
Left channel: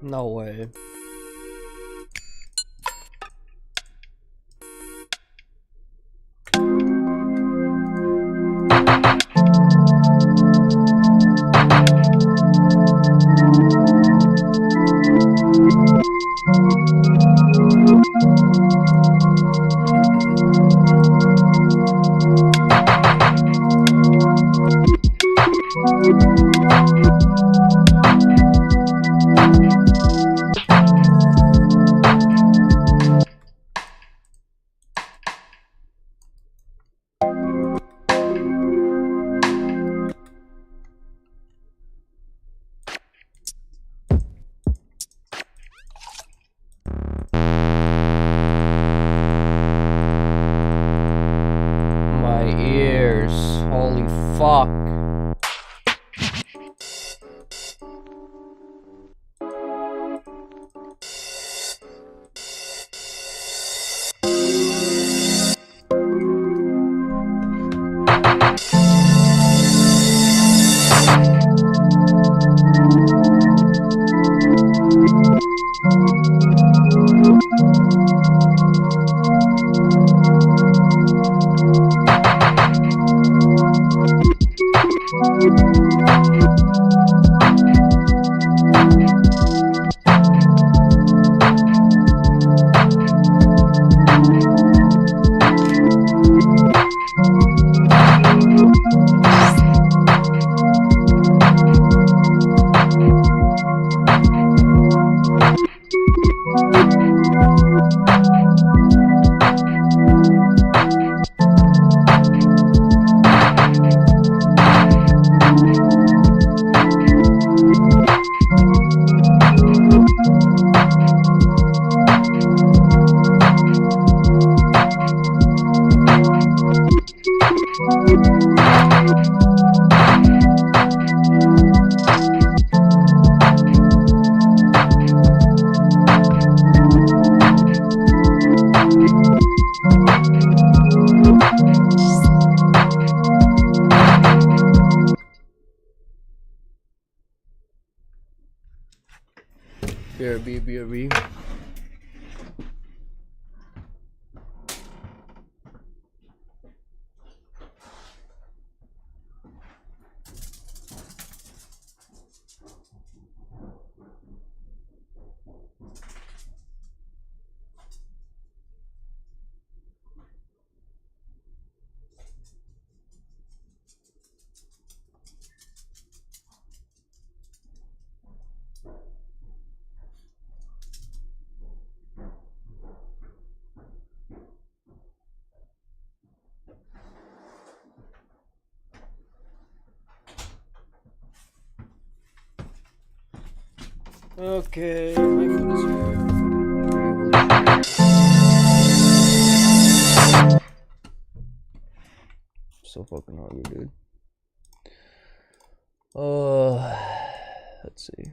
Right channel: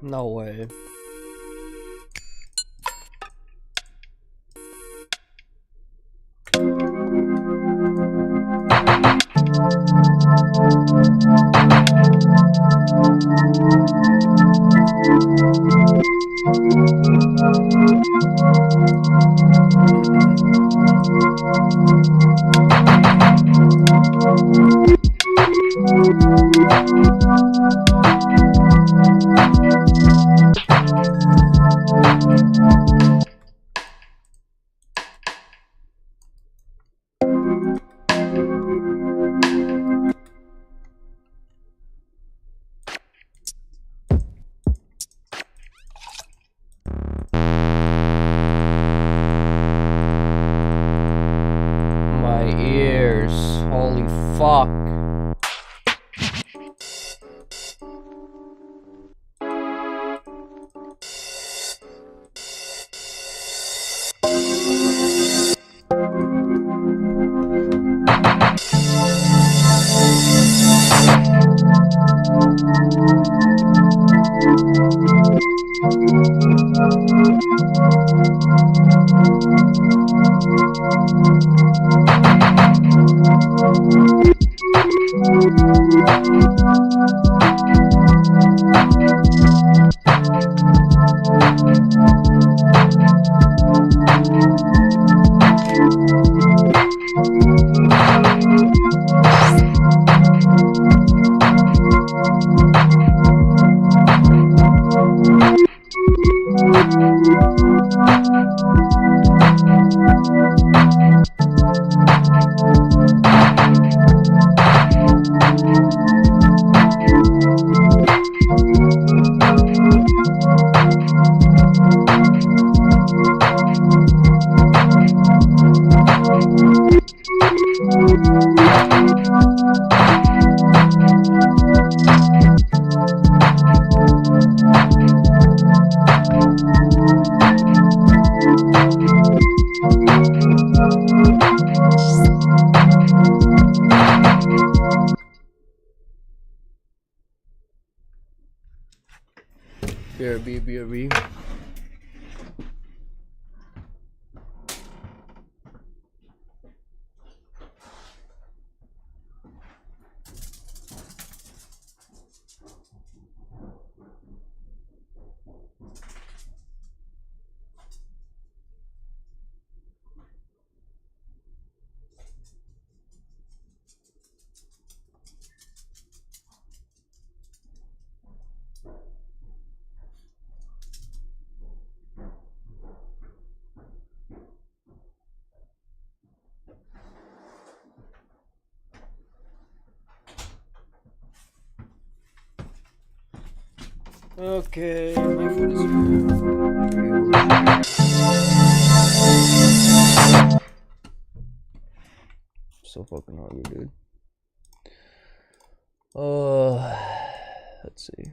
No way. my ears. Holy fuck. BRB. Okay, my food is here. So fucking hungry, dude. Let's see.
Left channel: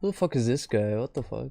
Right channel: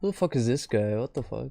Who the fuck is this guy? What the fuck?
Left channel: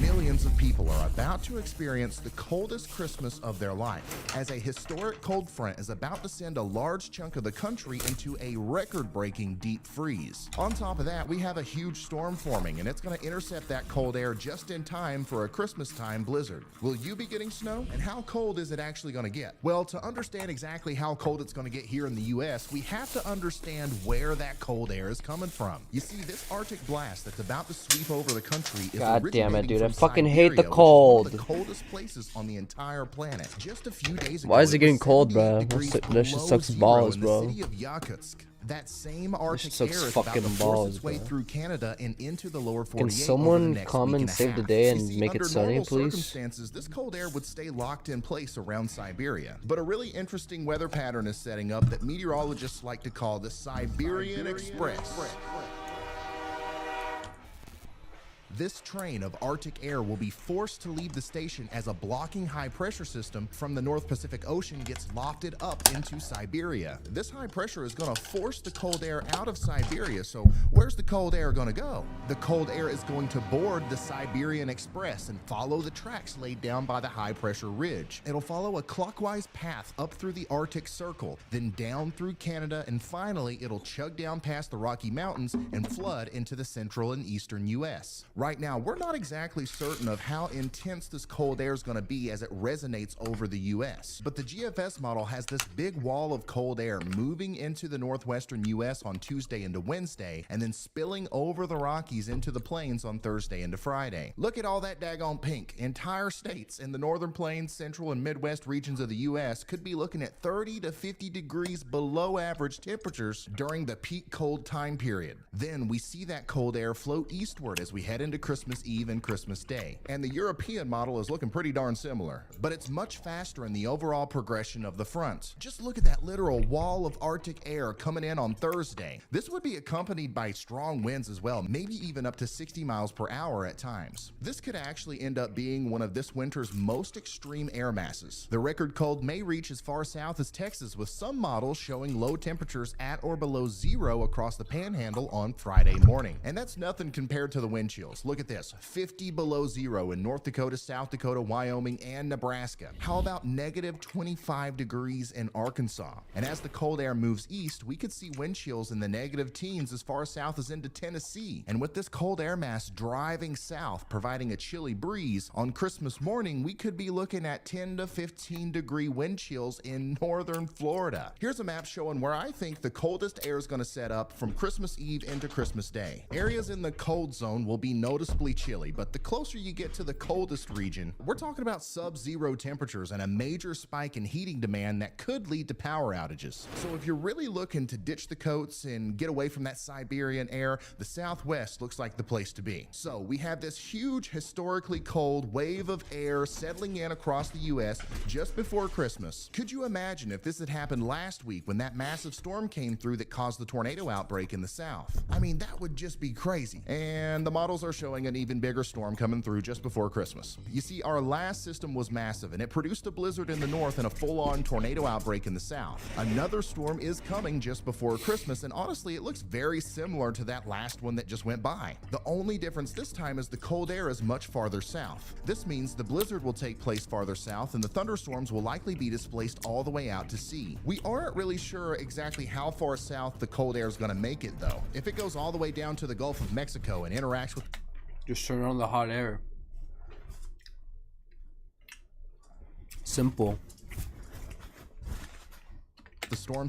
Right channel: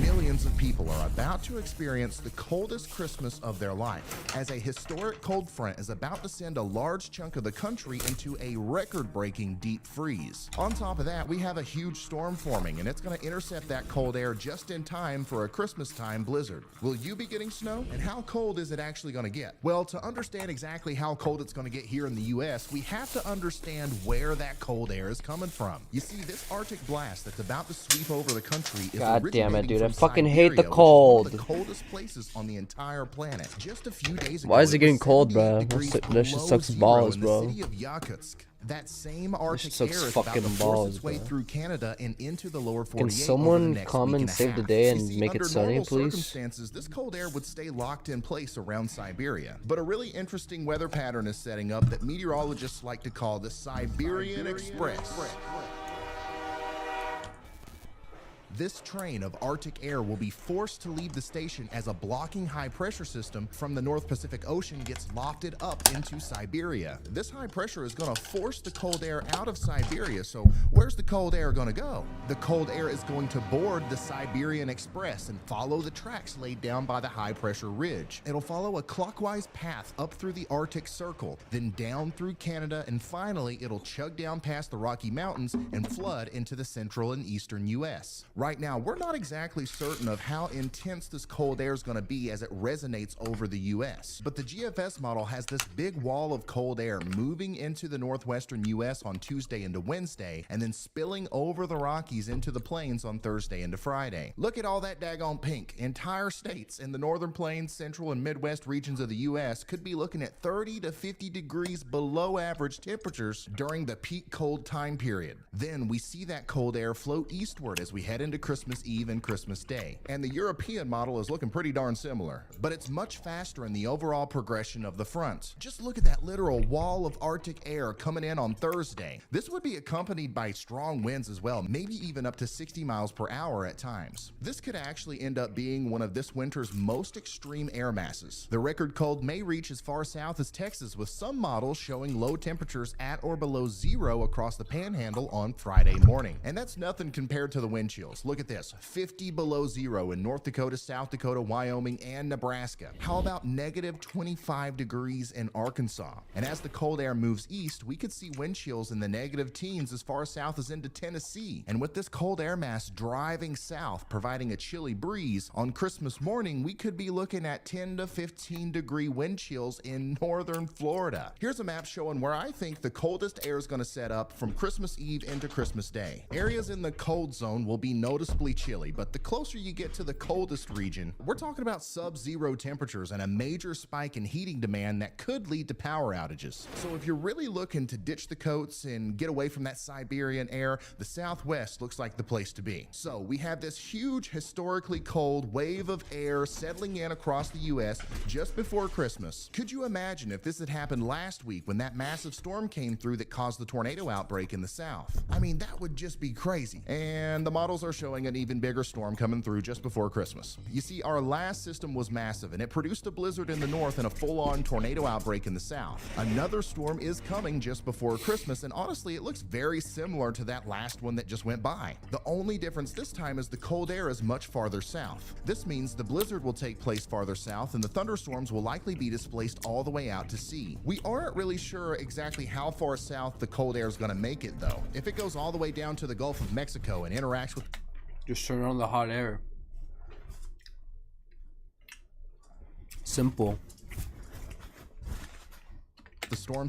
Millions of people are about to experience the coldest Christmas of their life, as a historic cold front is about to send a large chunk of the country into a record-breaking deep freeze. On top of that, we have a huge storm forming, and it's going to intercept that cold air just in time for a Christmas-time blizzard. Will you be getting snow? And how cold is it actually going to get? Well, to understand exactly how cold it's going to get here in the U.S., we have to understand where that cold air is coming from. You see, this Arctic blast that's about to sweep over the country is God damn it, dude. I from fucking Siberia, hate the which is cold. one of the coldest places on the entire planet. Just a few days ago, Why is it getting was cold, 78 bro? degrees That shit below sucks zero balls, in the bro. city of Yakutsk. That same Arctic sucks air is about to fucking force balls, its way bro. through Canada and into the lower 48 Can over the someone next come week and a save the half. day You and see, make it under sunny, normal please? circumstances, this cold air would stay locked in place around Siberia. But a really interesting weather pattern is setting up that meteorologists like to call the Siberian Express. This train of Arctic air will be forced to leave the station as a blocking high pressure system from the North Pacific Ocean gets lofted up into Siberia. This high pressure is going to force the cold air out of Siberia, so where's the cold air going to go? The cold air is going to board the Siberian Express and follow the tracks laid down by the high pressure ridge. It'll follow a clockwise path up through the Arctic Circle, then down through Canada, and finally it'll chug down past the Rocky Mountains and flood into the central and eastern U.S. Right now, we're not exactly certain of how intense this cold air is going to be as it resonates over the US, but the GFS model has this big wall of cold air moving into the northwestern US on Tuesday into Wednesday, and then spilling over the Rockies into the plains on Thursday into Friday. Look at all that daggone pink. Entire states in the northern plains, central, and midwest regions of the US could be looking at 30 to 50 degrees below average temperatures during the peak cold time period. Then we see that cold air flow eastward as we head into Christmas Eve and Christmas Day. And the European model is looking pretty darn similar, but it's much faster in the overall progression of the fronts. Just look at that literal wall of Arctic air coming in on Thursday. This would be accompanied by strong winds as well, maybe even up to 60 miles per hour at times. This could actually end up being one of this winter's most extreme air masses. The record cold may reach as far south as Texas, with some models showing low temperatures at or below zero across the panhandle on Friday morning. And that's nothing compared to the wind chills. Look at this, 50 below zero in North Dakota, South Dakota, Wyoming, and Nebraska. How about negative 25 degrees in Arkansas? And as the cold air moves east, we could see wind chills in the negative teens as far south as into Tennessee. And with this cold air mass driving south, providing a chilly breeze, on Christmas morning, we could be looking at 10 to 15 degree wind chills in northern Florida. Here's a map showing where I think the coldest air is going to set up from Christmas Eve into Christmas Day. Areas in the cold zone will be noticeably chilly, but the closer you get to the coldest region, we're talking about sub-zero temperatures and a major spike in heating demand that could lead to power outages. So if you're really looking to ditch the coats and get away from that Siberian air, the Southwest looks like the place to be. So we have this huge historically cold wave of air settling in across the US just before Christmas. Could you imagine if this had happened last week when that massive storm came through that caused the tornado outbreak in the South? I mean, that would just be crazy. And the models are showing an even bigger storm coming through just before Christmas. You see, our last system was massive and it produced a blizzard in the north and a full-on tornado outbreak in the south. Another storm is coming just before Christmas, and honestly, it looks very similar to that last one that just went by. The only difference this time is the cold air is much farther south. This means the blizzard will take place farther south and the thunderstorms will likely be displaced all the way out to sea. We aren't really sure exactly how far south the cold air is going to make it though. If it goes all the way down to the Gulf of Mexico and interacts with... Just turn on the hot air. Simple. The storm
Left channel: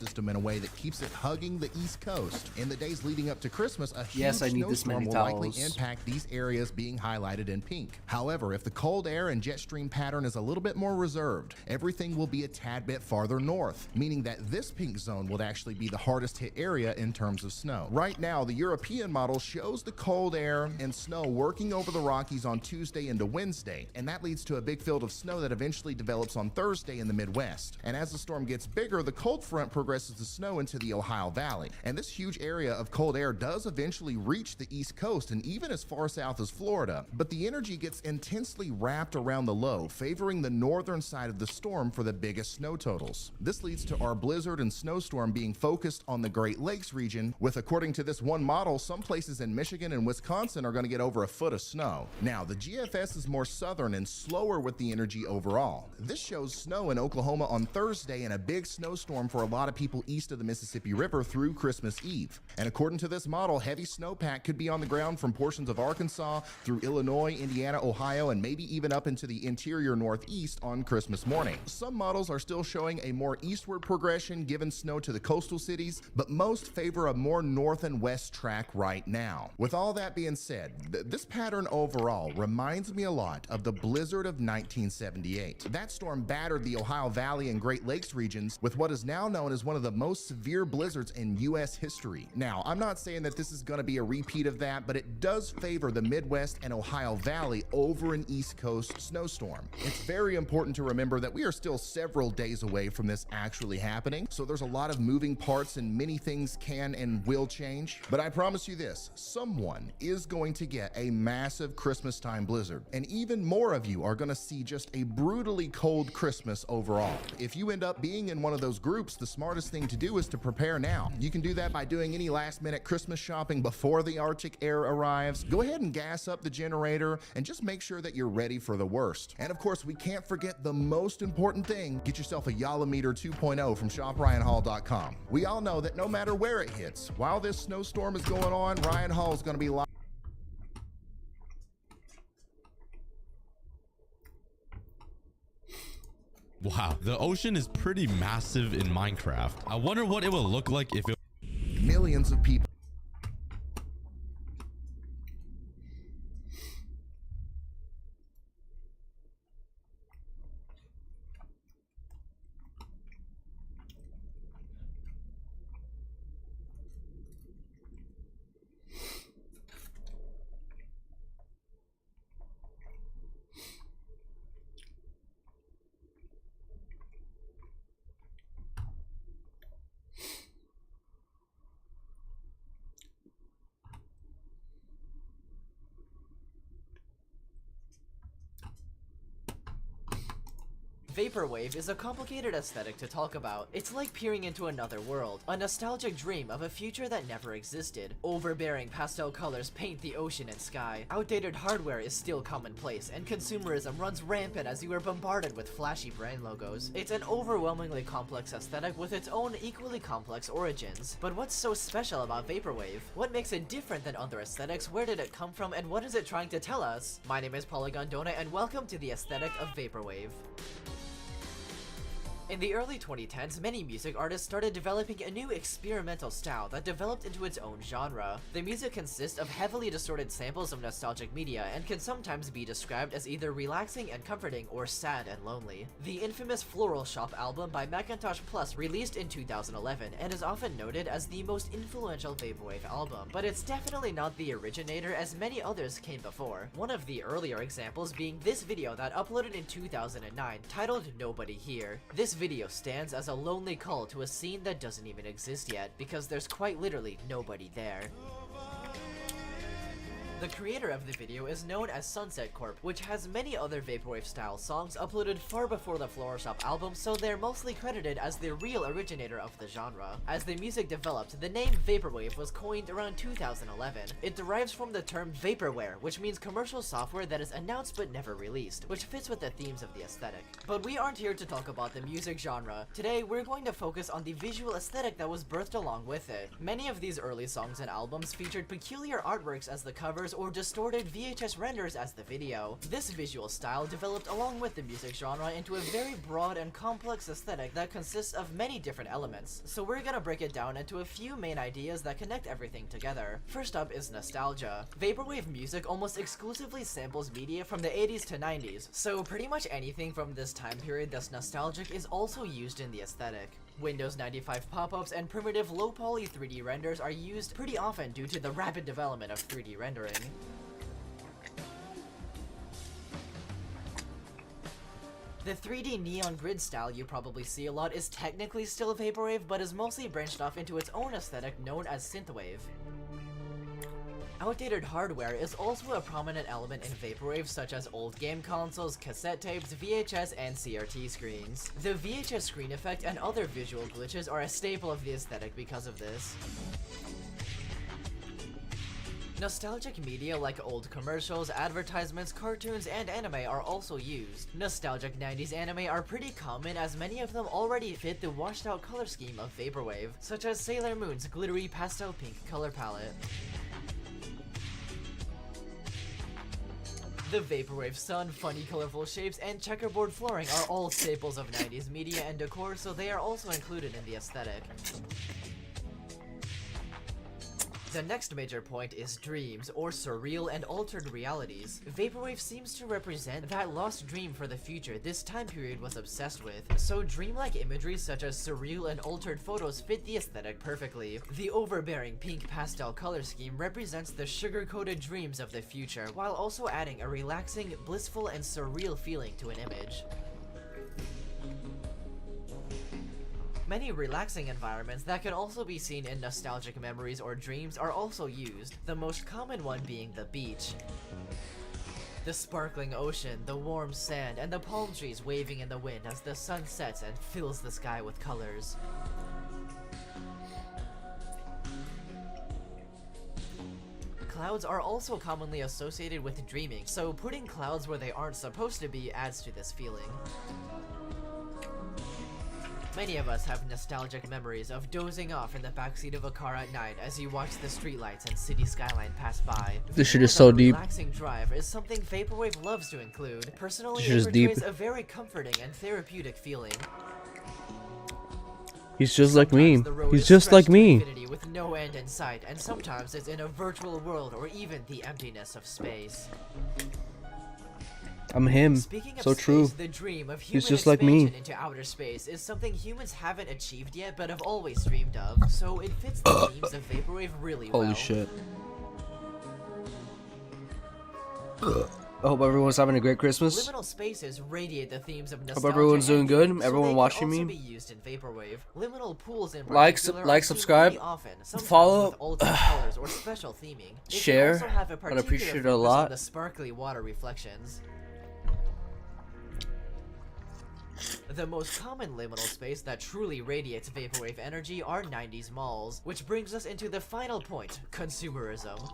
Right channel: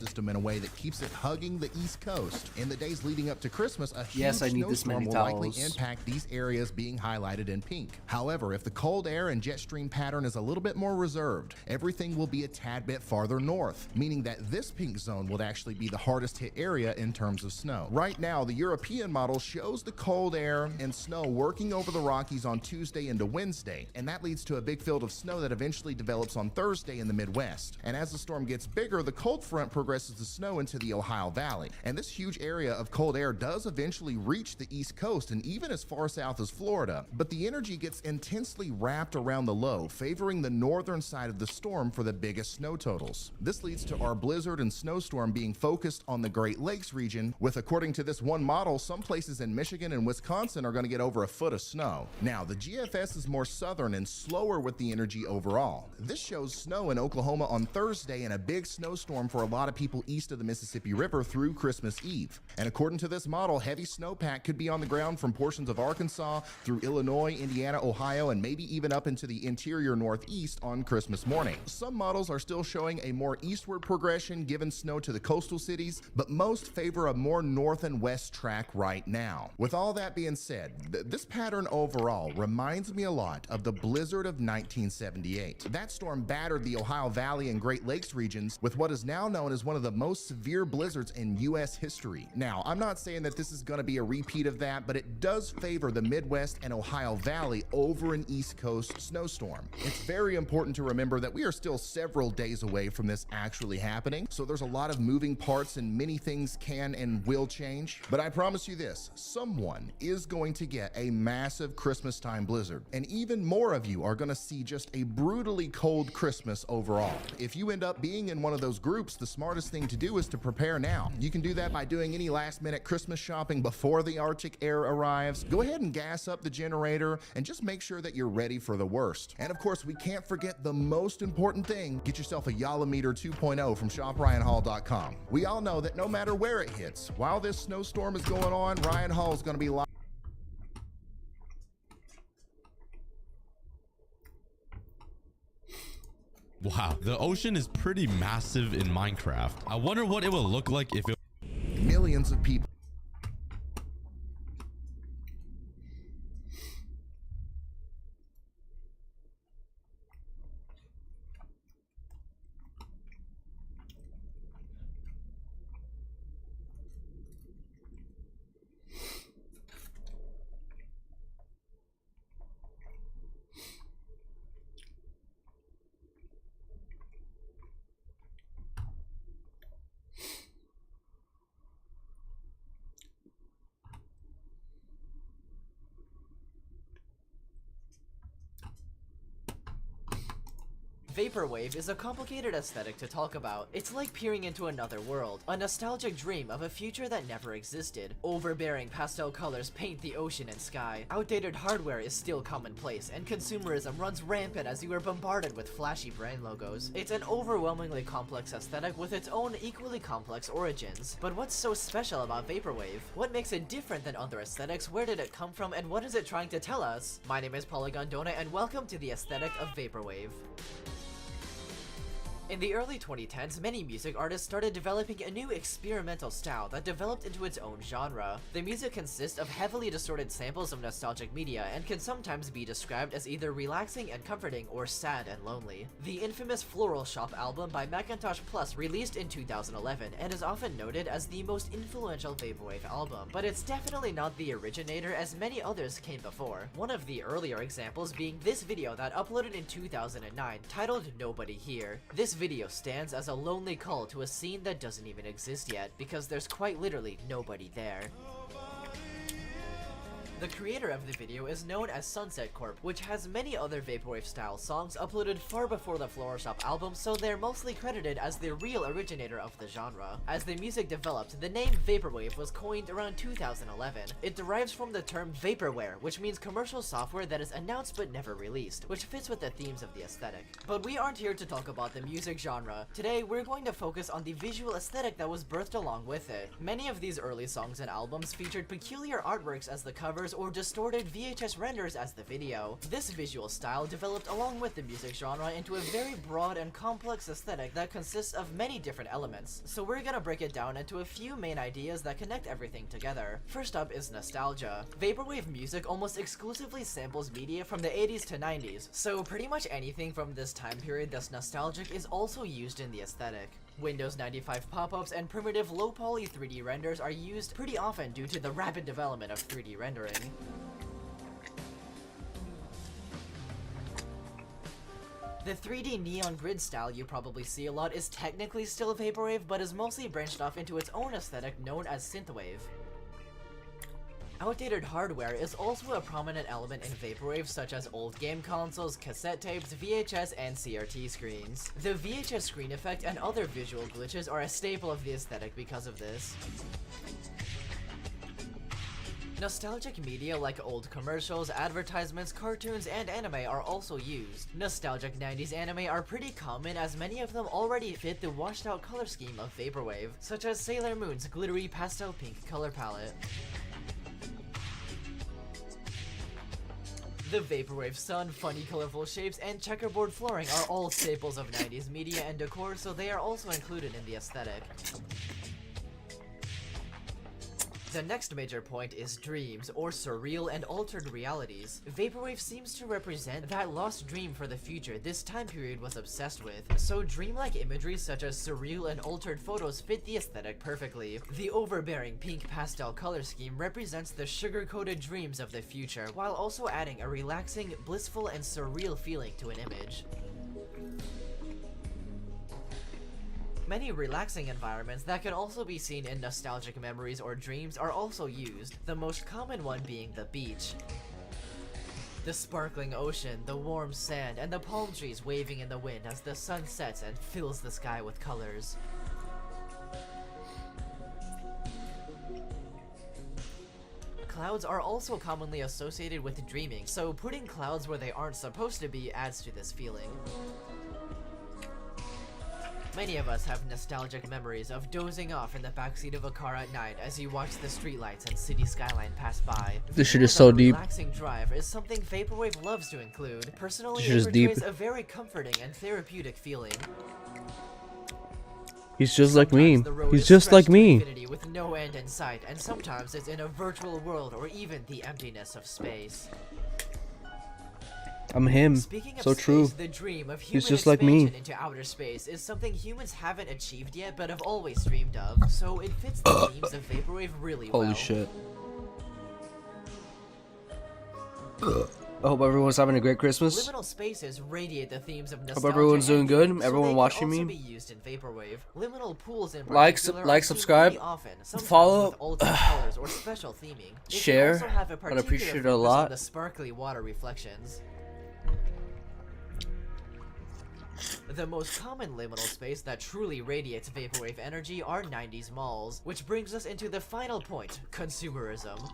system in a way that keeps it hugging the East Coast. In the days leading up to Christmas, a huge snowstorm will likely impact these areas being highlighted in pink. However, if the cold air and jet stream pattern is a little bit more reserved, everything will be a tad bit farther north, meaning that this pink zone would actually be the hardest hit area in terms of snow. Right now, the European model shows the cold air and snow working over the Rockies on Tuesday into Wednesday, and that leads to a big field of snow that eventually develops on Thursday in the Midwest. And as the storm gets bigger, the cold front progresses the snow into the Ohio Valley. And this huge area of cold air does eventually reach the East Coast and even as far south as Florida. But the energy gets intensely wrapped around the low, favoring the northern side of the storm for the biggest snow totals. This leads to our blizzard and snowstorm being focused on the Great Lakes region, with, according to this one model, some places in Michigan and Wisconsin are going to get over a foot of snow. Now, the GFS is more southern and slower with the energy overall. This shows snow in Oklahoma on Thursday and a big snowstorm for a lot of people east of the Mississippi River through Christmas Eve. And according to this model, heavy snowpack could be on the ground from portions of Arkansas through Illinois, Indiana, Ohio, and maybe even up into the interior northeast on Christmas morning. Some models are still showing a more eastward progression given snow to the coastal cities, but most favor a more north and west track right now. With all that being said, this pattern overall reminds me a lot of the blizzard of 1978. That storm battered the Ohio Valley and Great Lakes regions with what is now known as one of the most severe blizzards in US history. Now, I'm not saying that this is going to be a repeat of that, but it does favor the Midwest and Ohio Valley over an East Coast snowstorm. It's very important to remember that we are still several days away from this actually happening, so there's a lot of moving parts and many things can and will change. But I promise you this, someone is going to get a massive Christmas time blizzard, and even more of you are going to see just a brutally cold Christmas overall. If you end up being in one of those groups, the smartest thing to do is to prepare now. You can do that by doing any last minute Christmas shopping before the Arctic air arrives. Go ahead and gas up the generator and just make sure that you're ready for the worst. And of course, we can't forget the most important thing. Get yourself a Yalameter 2.0 from shopryanhall.com. We all know that no matter where it hits, while this snowstorm is going on, Ryan Hall is going to be live. Wow, the ocean is pretty massive in Minecraft. I wonder what it will look like if it... Millions of people. Vaporwave is a complicated aesthetic to talk about. It's like peering into another world, a nostalgic dream of a future that never existed. Overbearing pastel colors paint the ocean and sky. Outdated hardware is still commonplace, and consumerism runs rampant as you are bombarded with flashy brand logos. It's an overwhelmingly complex aesthetic with its own equally complex origins. But what's so special about Vaporwave? What makes it different than other aesthetics? Where did it come from, and what is it trying to tell us? My name is Polygon Donut, and welcome to the aesthetic of Vaporwave. In the early 2010s, many music artists started developing a new experimental style that developed into its own genre. The music consists of heavily distorted samples of nostalgic media and can sometimes be described as either relaxing and comforting or sad and lonely. The infamous Floral Shop album by Macintosh Plus released in 2011 and is often noted as the most influential Vaporwave album, but it's definitely not the originator as many others came before. One of the earlier examples being this video that uploaded in 2009 titled Nobody Here. This video stands as a lonely call to a scene that doesn't even exist yet, because there's quite literally nobody there. The creator of the video is known as Sunset Corp, which has many other Vaporwave style songs uploaded far before the Floral Shop album, so they're mostly credited as the real originator of the genre. As the music developed, the name Vaporwave was coined around 2011. It derives from the term vaporware, which means commercial software that is announced but never released, which fits with the themes of the aesthetic. But we aren't here to talk about the music genre. Today, we're going to focus on the visual aesthetic that was birthed along with it. Many of these early songs and albums featured peculiar artworks as the covers or distorted VHS renders as the video. This visual style developed along with the music genre into a very broad and complex aesthetic that consists of many different elements, so we're gonna break it down into a few main ideas that connect everything together. First up is nostalgia. Vaporwave music almost exclusively samples media from the 80s to 90s, so pretty much anything from this time period that's nostalgic is also used in the aesthetic. Windows 95 pop-ups and primitive low-poly 3D renders are used pretty often due to the rapid development of 3D rendering. The 3D neon grid style you probably see a lot is technically still Vaporwave, but is mostly branched off into its own aesthetic known as synthwave. Outdated hardware is also a prominent element in Vaporwave, such as old game consoles, cassette tapes, VHS, and CRT screens. The VHS screen effect and other visual glitches are a staple of the aesthetic because of this. Nostalgic media like old commercials, advertisements, cartoons, and anime are also used. Nostalgic 90s anime are pretty common as many of them already fit the washed out color scheme of Vaporwave, such as Sailor Moon's glittery pastel pink color palette. The Vaporwave sun, funny colorful shapes, and checkerboard flooring are all staples of 90s media and decor, so they are also included in the aesthetic. The next major point is dreams, or surreal and altered realities. Vaporwave seems to represent that lost dream for the future this time period was obsessed with, so dreamlike imagery such as surreal and altered photos fit the aesthetic perfectly. The overbearing pink pastel color scheme represents the sugar-coated dreams of the future, while also adding a relaxing, blissful, and surreal feeling to an image. Many relaxing environments that can also be seen in nostalgic memories or dreams are also used, the most common one being the beach. The sparkling ocean, the warm sand, and the palm trees waving in the wind as the sun sets and fills the sky with colors. Clouds are also commonly associated with dreaming, so putting clouds where they aren't supposed to be adds to this feeling. Many of us have nostalgic memories of dozing off in the backseat of a car at night as you watch the streetlights and city skyline pass by. This shit is so deep. Relaxing drive is something Vaporwave loves to include. Personally, This shit is it deep. portrays a very comforting and therapeutic feeling. He's just like me. Sometimes the road He's is just like stretched to me. infinity with no end in sight, and sometimes it's in a virtual world or even the emptiness of space. I'm him. Speaking of So space, true. the dream of human He's just like me. expansion into outer space is something humans haven't achieved yet but have always dreamed of, so it fits the themes of Vaporwave really well. Holy shit. I hope everyone's having a great Christmas. Liminal spaces radiate the themes of nostalgia. Hope everyone's doing and good. theme, so Everyone they can watching also me. be used in Vaporwave. Liminal pools in Like, particular like, are seen subscribe, really often, sometimes follow, with alternate colors or special theming. It can share. also have a I'd particular appreciate it a focus on lot. the sparkly water reflections. The most common liminal space that truly radiates Vaporwave energy are 90s malls, which brings us into the final point, consumerism.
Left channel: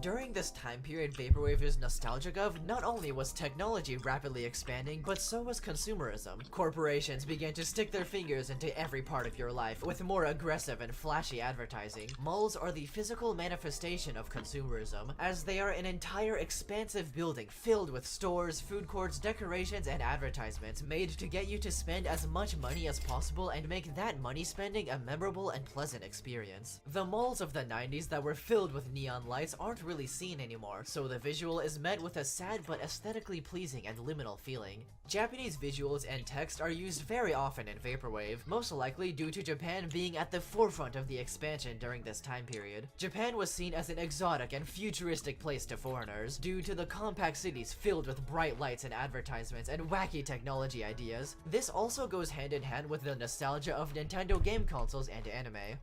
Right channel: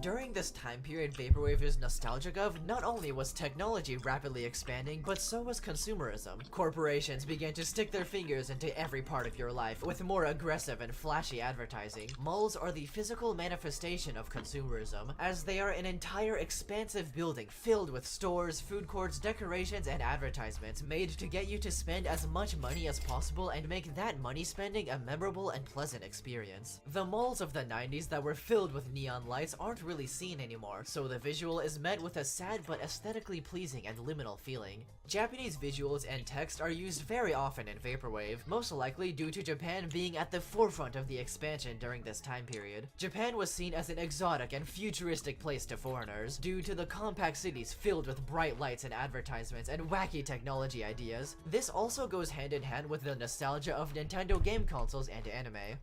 During this time period Vaporwave is nostalgic of, not only was technology rapidly expanding, but so was consumerism. Corporations began to stick their fingers into every part of your life with more aggressive and flashy advertising. Malls are the physical manifestation of consumerism, as they are an entire expansive building filled with stores, food courts, decorations, and advertisements made to get you to spend as much money as possible and make that money spending a memorable and pleasant experience. The malls of the 90s that were filled with neon lights aren't really seen anymore, so the visual is met with a sad but aesthetically pleasing and liminal feeling. Japanese visuals and text are used very often in Vaporwave, most likely due to Japan being at the forefront of the expansion during this time period. Japan was seen as an exotic and futuristic place to foreigners, due to the compact cities filled with bright lights and advertisements and wacky technology ideas. This also goes hand in hand with the nostalgia of Nintendo game consoles and anime.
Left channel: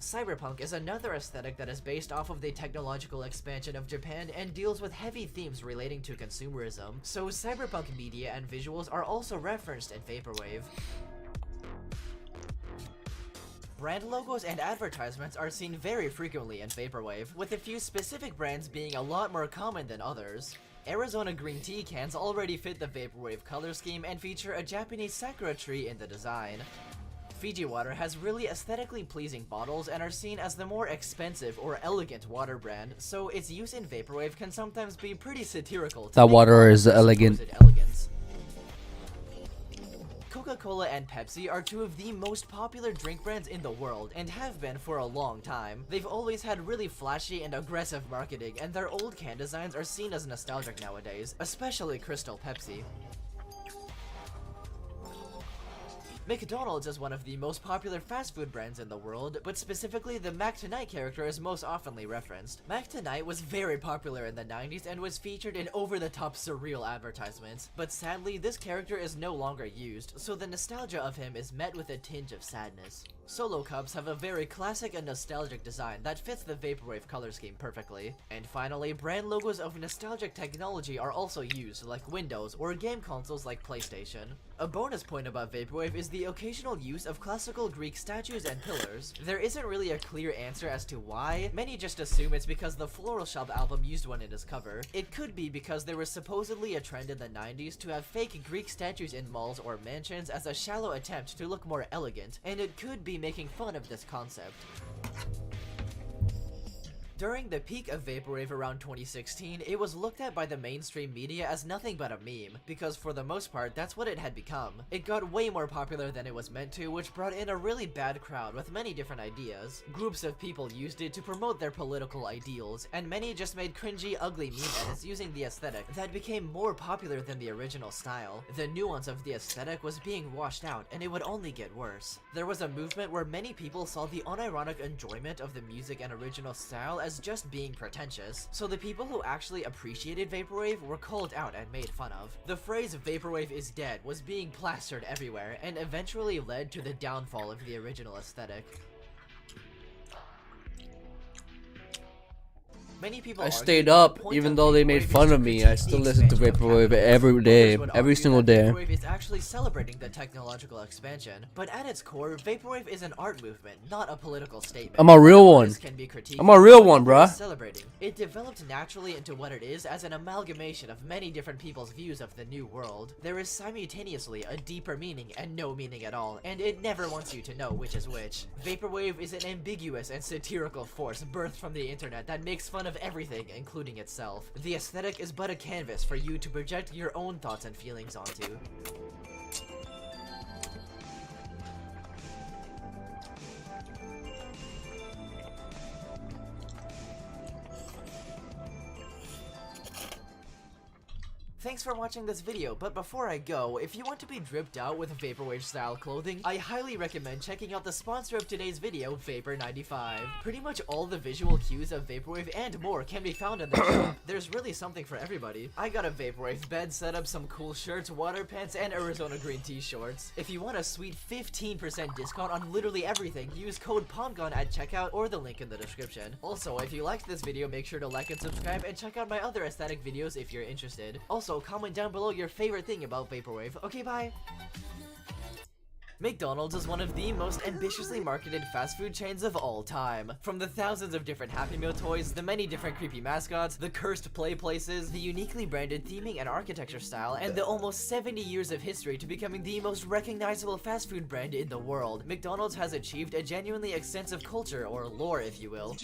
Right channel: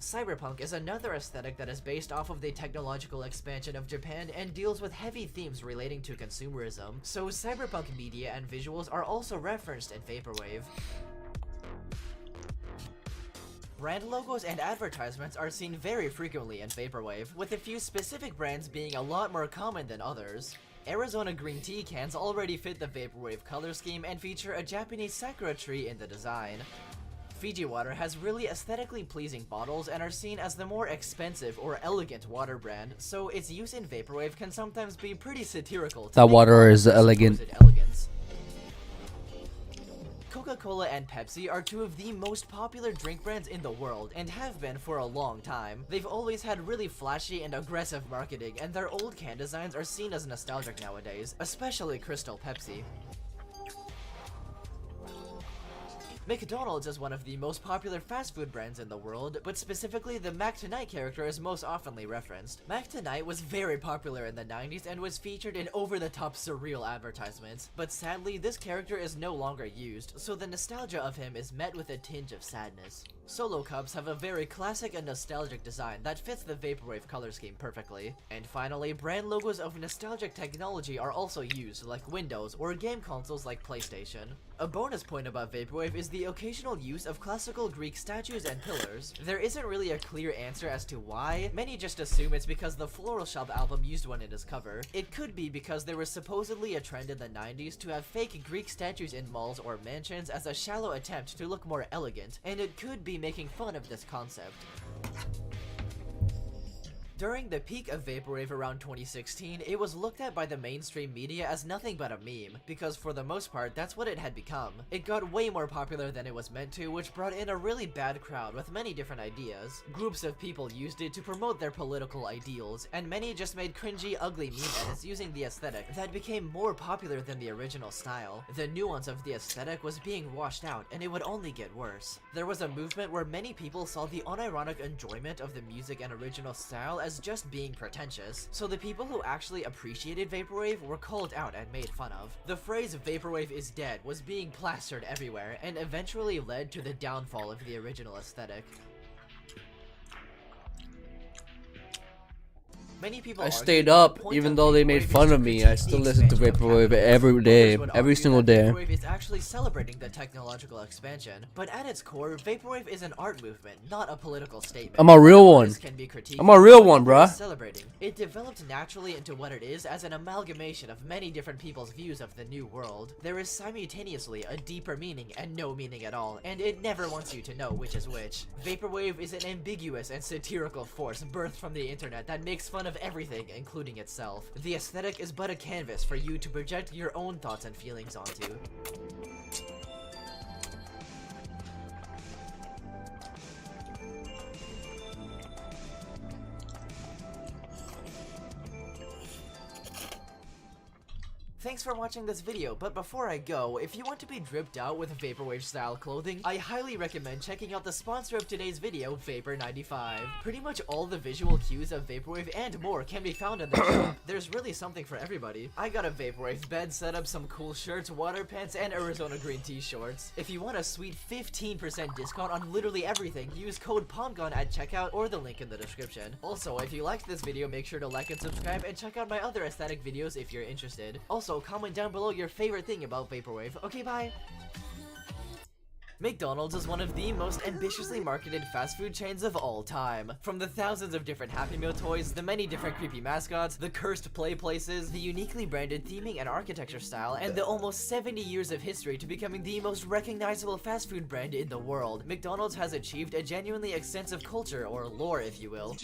Cyberpunk is another aesthetic that is based off of the technological expansion of Japan and deals with heavy themes relating to consumerism, so cyberpunk media and visuals are also referenced in Vaporwave. Brand logos and advertisements are seen very frequently in Vaporwave, with a few specific brands being a lot more common than others. Arizona green tea cans already fit the Vaporwave color scheme and feature a Japanese sakura tree in the design. Fiji water has really aesthetically pleasing bottles and are seen as the more expensive or elegant water brand, so its use in Vaporwave can sometimes be pretty satirical. That water is elegant. Elegance. Coca-Cola and Pepsi are two of the most popular drink brands in the world and have been for a long time. They've always had really flashy and aggressive marketing, and their old can designs are seen as nostalgic nowadays, especially Crystal Pepsi. McDonald's is one of the most popular fast food brands in the world, but specifically the Mac Tonight character is most oftenly referenced. Mac Tonight was very popular in the 90s and was featured in over-the-top surreal advertisements, but sadly this character is no longer used, so the nostalgia of him is met with a tinge of sadness. Solo cups have a very classic and nostalgic design that fits the Vaporwave color scheme perfectly. And finally, brand logos of nostalgic technology are also used, like Windows or game consoles like PlayStation. A bonus point about Vaporwave is the occasional use of classical Greek statues and pillars. There isn't really a clear answer as to why. Many just assume it's because the Floral Shop album used one in its cover. It could be because there was supposedly a trend in the 90s to have fake Greek statues in malls or mansions as a shallow attempt to look more elegant, and it could be making fun of this concept. During the peak of Vaporwave around 2016, it was looked at by the mainstream media as nothing but a meme, because for the most part, that's what it had become. It got way more popular than it was meant to, which brought in a really bad crowd with many different ideas. Groups of people used it to promote their political ideals, and many just made cringy, ugly meme edits using the aesthetic that became more popular than the original style. The nuance of the aesthetic was being washed out, and it would only get worse. There was a movement where many people saw the unironic enjoyment of the music and original style as just being pretentious, so the people who actually appreciated Vaporwave were called out and made fun of. The phrase "Vaporwave is dead" was being plastered everywhere, and eventually led to the downfall of the original aesthetic. Many people I argue stayed that the up point even of though they Vaporwave made is fun to of me. critique I still the listen to expansion of Vaporwave capitalism. every day, Others would every argue single that day. Vaporwave is actually celebrating the technological expansion. But at its core, Vaporwave is an art movement, not a political statement. I'm a real one. Artists can be critiqued, I'm a real but one, Vaporwave is bruh. celebrating. It developed naturally into what it is as an amalgamation of many different people's views of the new world. There is simultaneously a deeper meaning and no meaning at all, and it never wants you to know which is which. Vaporwave is an ambiguous and satirical force birthed from the internet that makes fun of everything, including itself. The aesthetic is but a canvas for you to project your own thoughts and feelings onto. Thanks for watching this video, but before I go, if you want to be dripped out with Vaporwave style clothing, I highly recommend checking out the sponsor of today's video, Vapor95. Pretty much all the visual cues of Vaporwave and more can be found in the shop. There's really something for everybody. I got a Vaporwave bed setup, some cool shirts, water pants, and Arizona green tea shorts. If you want a sweet 15% discount on literally everything, use code POMGON at checkout or the link in the description. Also, if you liked this video, make sure to like and subscribe and check out my other aesthetic videos if you're interested. Also, comment down below your favorite thing about Vaporwave. Okay, bye! McDonald's is one of the most ambitiously marketed fast food chains of all time. From the thousands of different Happy Meal toys, the many different creepy mascots, the cursed play places, the uniquely branded theming and architecture style, and the almost 70 years of history to becoming the most recognizable fast food brand in the world, McDonald's has achieved a genuinely extensive culture, or lore if you will.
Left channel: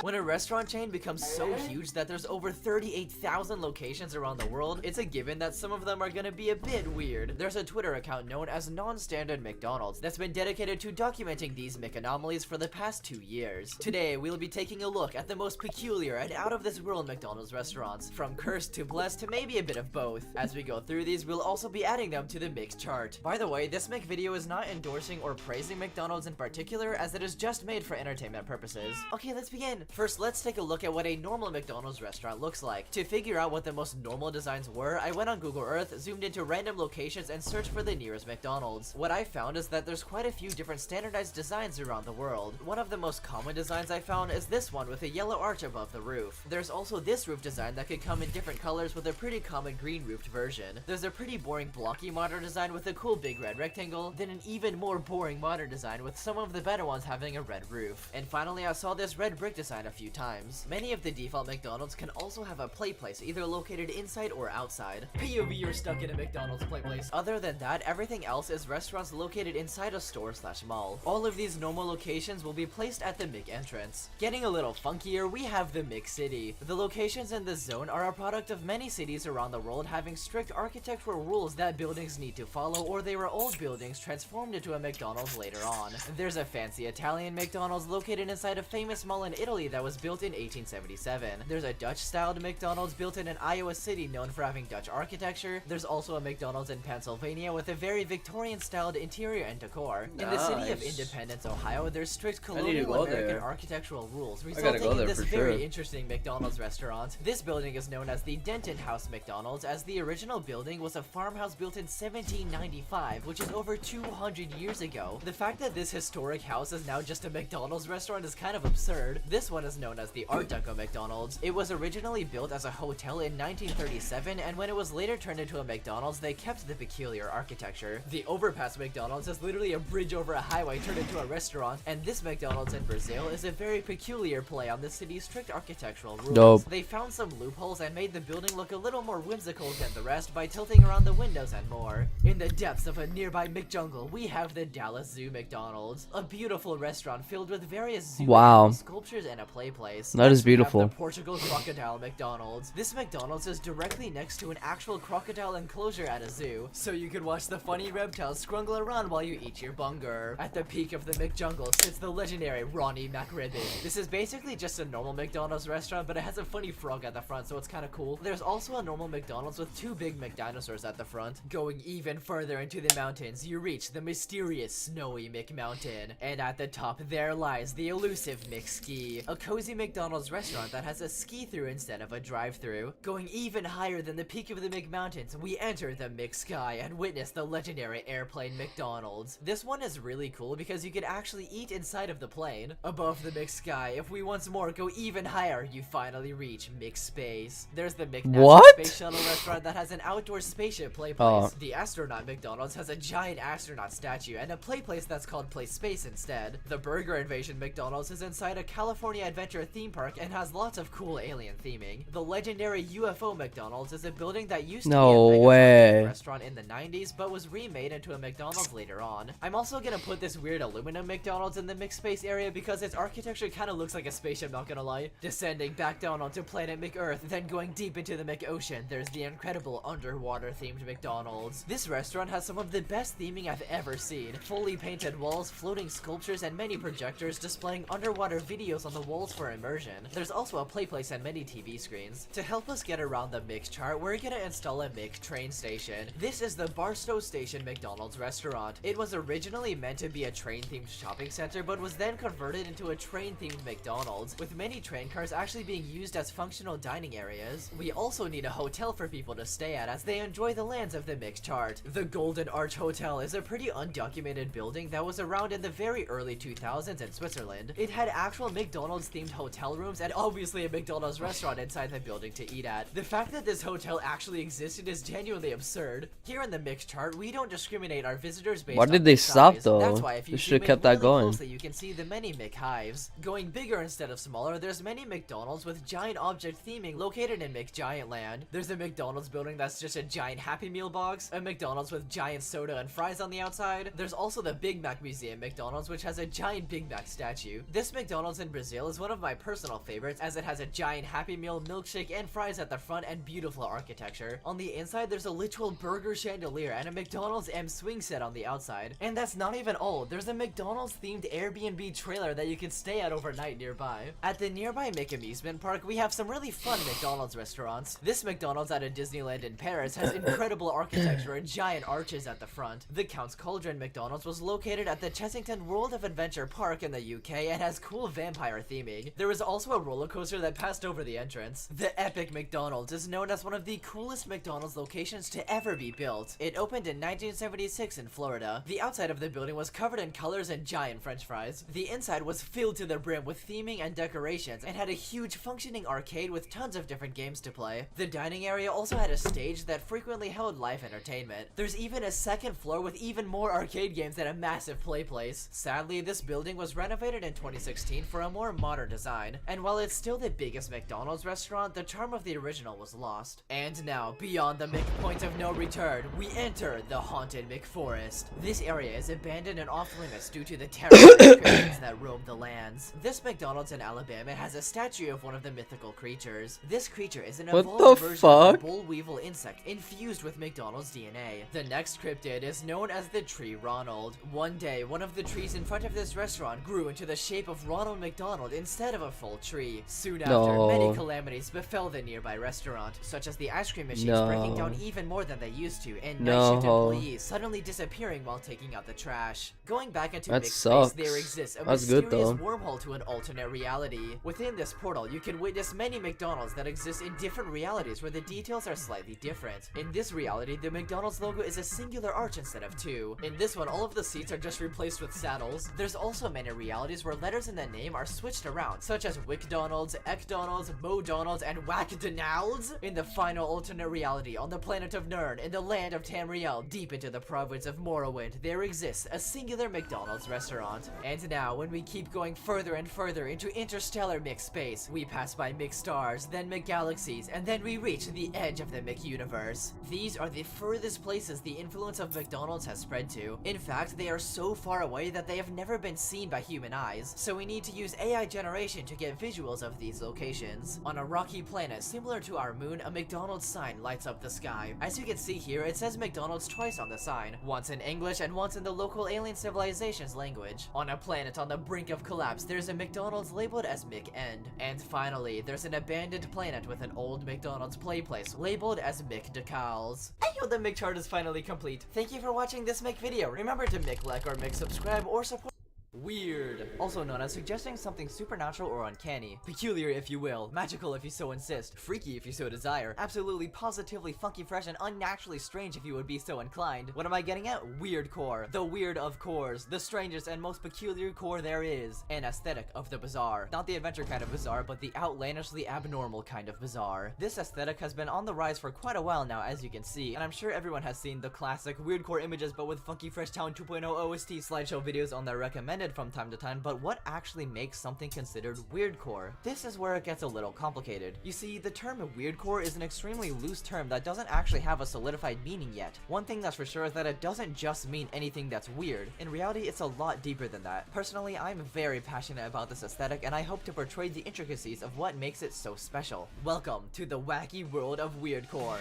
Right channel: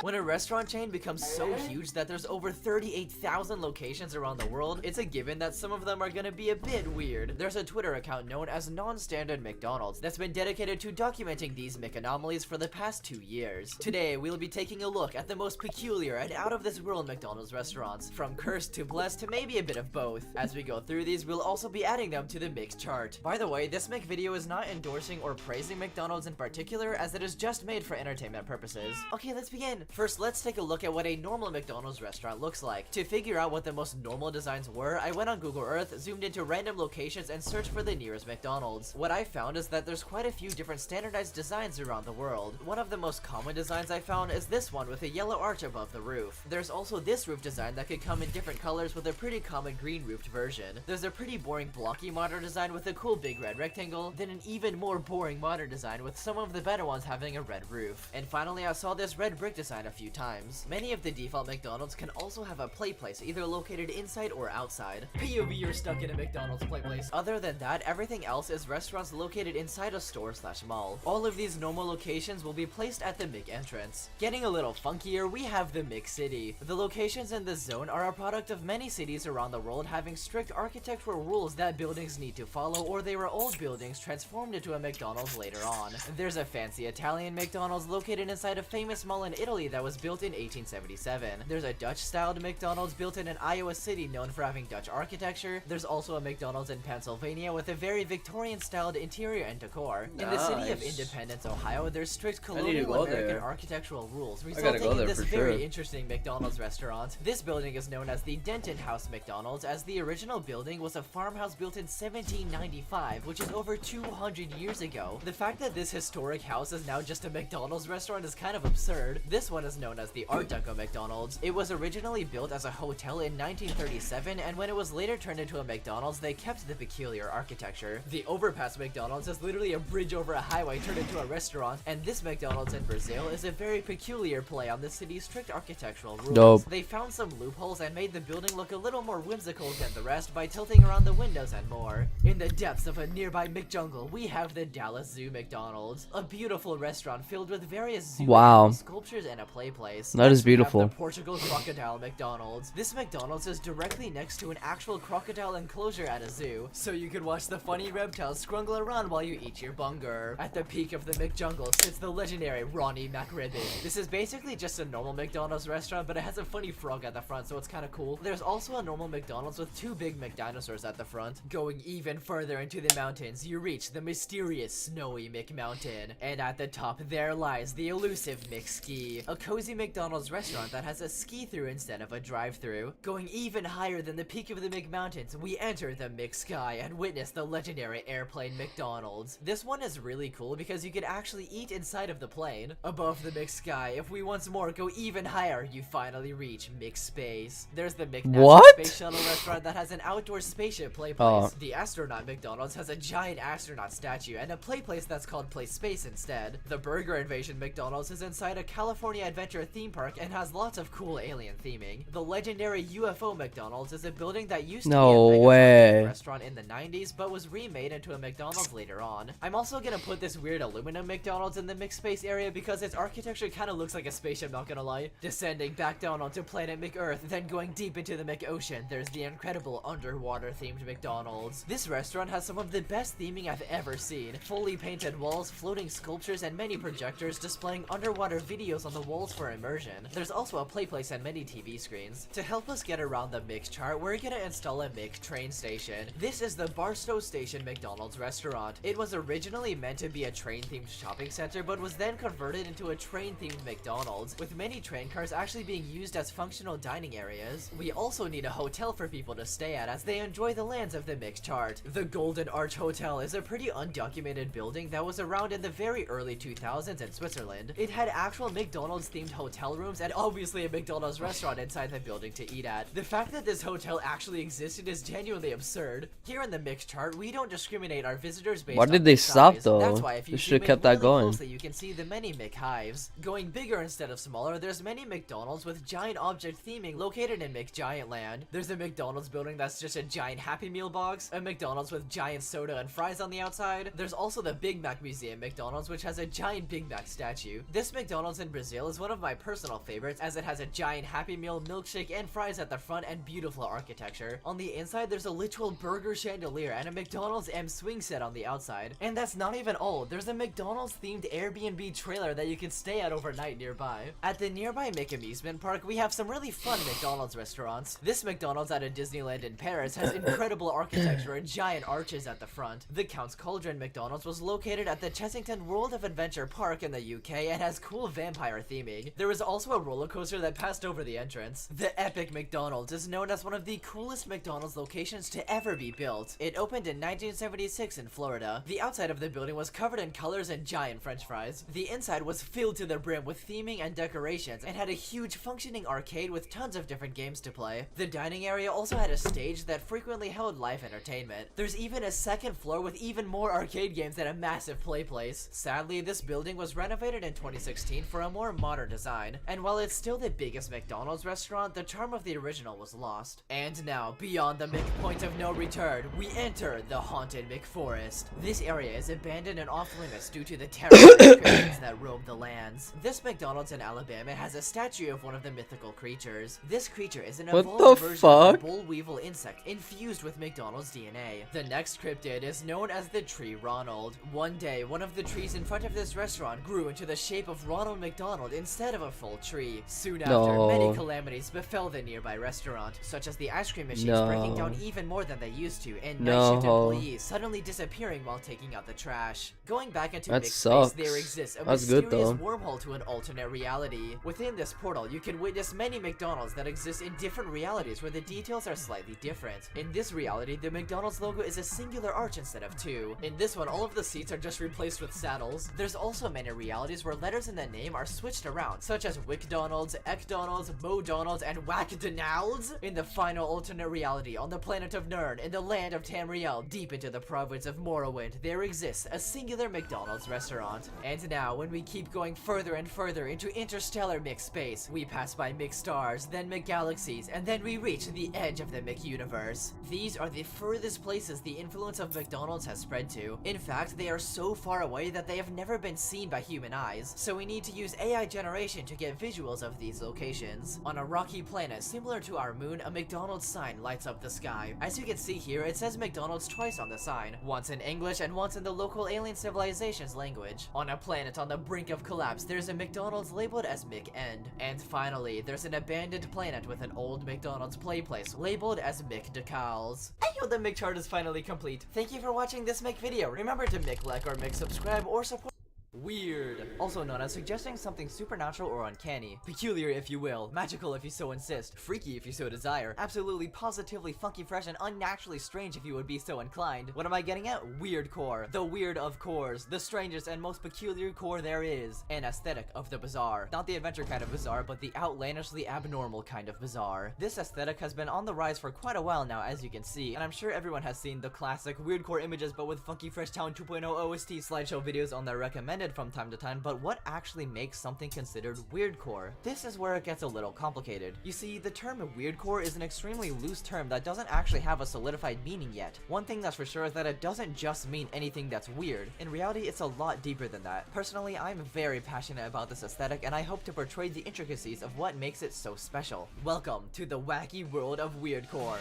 When a restaurant chain becomes so huge that there's over 38,000 locations around the world, it's a given that some of them are gonna be a bit weird. There's a Twitter account known as Non-Standard McDonald's that's been dedicated to documenting these McAnomalies for the past 2 years. Today, we'll be taking a look at the most peculiar and out-of-this-world McDonald's restaurants, from cursed to blessed to maybe a bit of both. As we go through these, we'll also be adding them to the Mc chart. By the way, this Mc video is not endorsing or praising McDonald's in particular, as it is just made for entertainment purposes. Okay, let's begin. First, let's take a look at what a normal McDonald's restaurant looks like. To figure out what the most normal designs were, I went on Google Earth, zoomed into random locations, and searched for the nearest McDonald's. What I found is that there's quite a few different standardized designs around the world. One of the most common designs I found is this one with a yellow arch above the roof. There's also this roof design that could come in different colors with a pretty common green roofed version. There's a pretty boring blocky modern design with a cool big red rectangle, then an even more boring modern design with some of the better ones having a red roof. And finally, I saw this red brick design a few times. Many of the default McDonald's can also have a play place either located inside or outside. POV, you're stuck in a McDonald's play place. Other than that, everything else is restaurants located inside a store/mall. All of these normal locations will be placed at the Mc entrance. Getting a little funkier, we have the Mc City. The locations in this zone are a product of many cities around the world having strict architectural rules that buildings need to follow, or they were old buildings transformed into a McDonald's later on. There's a fancy Italian McDonald's located inside a famous mall in Italy that was built in 1877. There's a Dutch-styled McDonald's built in an Iowa city known for having Dutch architecture. There's also a McDonald's in Pennsylvania with a very Victorian-styled interior and decor. In the city of Independence, Ohio, there's strict colonial American architectural rules, resulting in this very interesting McDonald's restaurant. This building is known as the Denton House McDonald's, as the original building was a farmhouse built in 1795, which is over 200 years ago. The fact that this historic house is now just a McDonald's restaurant is kind of absurd. This one is known as the Art Deco McDonald's. It was originally built as a hotel in 1937, and when it was later turned into a McDonald's, they kept the peculiar architecture. The Overpass McDonald's is literally a bridge over a highway turned into a restaurant, and this McDonald's in Brazil is a very peculiar play on the city's strict architectural rules. Dope. They found some loopholes and made the building look a little more whimsical than the rest by tilting around the windows and more. In the depths of a nearby McJungle, we have the Dallas Zoo McDonald's, a beautiful restaurant filled with various zoo animals, sculptures, and a play place. That is Next, we have beautiful. the Portugal Crocodile McDonald's. This McDonald's is directly next to an actual crocodile enclosure at a zoo, so you could watch the funny reptiles scrungle around while you eat your bunger. At the peak of the McJungle sits the legendary Ronnie McRibbit. This is basically just a normal McDonald's restaurant, but it has a funny frog at the front, so it's kind of cool. There's also a normal McDonald's with two big McDinosaurs at the front. Going even further into the mountains, you reach the mysterious snowy McMountain. And at the top, there lies the elusive McSki, a cozy McDonald's restaurant that has a ski-through instead of a drive-through. Going even higher than the peak of the McMountains, we enter the McSky and witness the legendary airplane McDonald's. This one is really cool because you can actually eat inside of the plane. Above the McSky, if we once more go even higher, you finally reach McSpace. There's the McNational Space Shuttle restaurant that has an outdoor spaceship play place. The astronaut McDonald's has a giant astronaut statue and a play place that's called Play Space instead. The Burger Invasion McDonald's is inside a California Adventure theme park and has lots of cool alien theming. The legendary UFO McDonald's is a building that used to be a mega restaurant in the 90s but was remade into a McDonald's later on. I'm also gonna put this weird aluminum McDonald's in the McSpace area because its architecture kind of looks like a spaceship, not gonna lie. Descending back down onto planet McEarth, then going deep into the McOcean, there's the incredible underwater themed McDonald's. This restaurant has some of the best theming I've ever seen. Fully painted walls, floating sculptures, and many projectors displaying underwater videos on the walls for immersion. There's also a play place and many TV screens. To help us get around the Mc chart, we're gonna install a Mc train station. This is the Barstow Station McDonald's restaurant. It was originally meant to be a train-themed shopping center, but was then converted into a train-themed McDonald's, with many train cars actually being used as functional dining areas. We also need a hotel for people to stay at as they enjoy the lands of the Mc chart. The Golden Arch Hotel is a pretty undocumented building that was around in the very early 2000s in Switzerland. It had actual McDonald's themed hotel rooms and obviously a McDonald's restaurant inside the building to eat at. The fact that this hotel actually existed is genuinely absurd. Here in the Mc chart, we don't discriminate our visitors based on Why did they stop though? That's why if you should have kept really that going. Closely, you can see the many McHives. Going bigger instead of smaller, there's many McDonald's with giant object theming located in McGiant Land. There's a McDonald's building that's just a giant Happy Meal box, a McDonald's with giant soda and fries on the outside. There's also the Big Mac Museum McDonald's, which has a giant Big Mac statue. This McDonald's in Brazil is one of my personal favorites as it has a giant Happy Meal, milkshake, and fries at the front and beautiful architecture. On the inside, there's a literal burger chandelier and a McDonald's M swing set on the outside. And that's not even all. There's a McDonald's themed Airbnb trailer that you can stay at overnight nearby. At the nearby Mick Amusement Park, we have some really fun McDonald's restaurants. This McDonald's at a Disneyland in Paris has incredible architecture and giant arches at the front. The Count's Cauldron McDonald's was located at the Chessington World of Adventure Park in the UK and has cool vampire theming. There is also a roller coaster that passed over the entrance. The Epic McDonald's is known as one of the coolest McDonald's locations to ever be built. It opened in 1976 in Florida. The outside of the building was covered in colors and giant french fries. The inside was filled to the brim with theming and decorations and had a huge functioning arcade with tons of different games to play. The dining area also had a stage that frequently held live entertainment. There's even a second floor with even more arcade games and a massive play place. Sadly, this building was renovated in 2016 for a more modern design, and while it's still the biggest McDonald's restaurant, the charm of the original was lost. And now, beyond the Point of no return, we enter the haunted McForest. This area is abandoned and off-limits due to the terrifying creatures that roam the lands. This McDonald's in Alabama has a statue of one of the mythical creatures. This creature is an evolved version of a boll weevil insect infused with McDonald's DNA. The next cryptid is known as the Tree Ronald. One day, one of the trees in front of this restaurant grew into the shape of Ronald McDonald instead of a full tree. Soon after, many calamities befell the nearby restaurant, such as the ice cream machines breaking down even more than they used to, and night shift employees suddenly disappearing while taking out the trash. Going back into McSpace, there exists a mysterious wormhole to an alternate reality. Within this portal, you can witness many McDonald's that exist in different realities where the details are slightly different. In this reality, the McDonald's logo is a singular arch instead of two. In this one, all of the seats are just replaced with saddles. There's also many realities where letters in the name are switched around, such as WickDonald's, Ekdonald's, MoDonald's, and WhackDonald's. In the final alternate reality, on the planet of Nern, in the land of Tamriel, deep into the province of Morrowind, there exists a singular McDonald's restaurant. And now, when we keep going further and further into interstellar McSpace, we pass by McStars, then McGalaxies, and then we reach the edge of the McUniverse. These are the furthest places the influence of McDonald's has spread to. In fact, they are so far away that they have never been seen by human eyes, so we need to use AI generation to get visuals of these locations. On a rocky planet similar to our moon, a McDonald's sign lights up the sky. As you can see here, it says McDonald's twice on the sign, once in English and once in the local alien civilization's language. On a planet on the brink of collapse, there's a McDonald's labeled as McEnd. And finally, there's an abandoned planet with an old McDonald's play place labeled as McDecals. Ayo, the McChart is finally complete. Thank you for watching this Mc video. Remember to Mc like or Mc subscribe or support Weird, also known as suggesting something supernatural or uncanny, peculiar if you will, magical if you so insist, freaky if you so desire, absolutely positively funky fresh and unnaturally strange if you would be so inclined. What am I getting at? Weirdcore. The weird of cores, the strangest and most peculiar core there is. An aesthetic of the bizarre. Not the adventure kind of bizarre, but the outlandishly abnormal kind of bizarre. This aesthetic has been on the rise for quite a while now, as you can see, and I'm sure everyone has seen the classic weirdcore images but with funky fresh town 2.0 OST slideshow videos on their recommended from time to time, but what actually makes something considered weirdcore? This is where it gets a little complicated. You see, the term weirdcore is an extremely loose term that doesn't actually have a solidified meaning yet. One thing that's for sure is that it doesn't just mean anything that's weird. In reality, it's a lot deeper than that. Personally, I'm very passionate about this aesthetic, and I hope to portray the intricacies of what makes it so special. Welcome to the wacky world of weirdcore.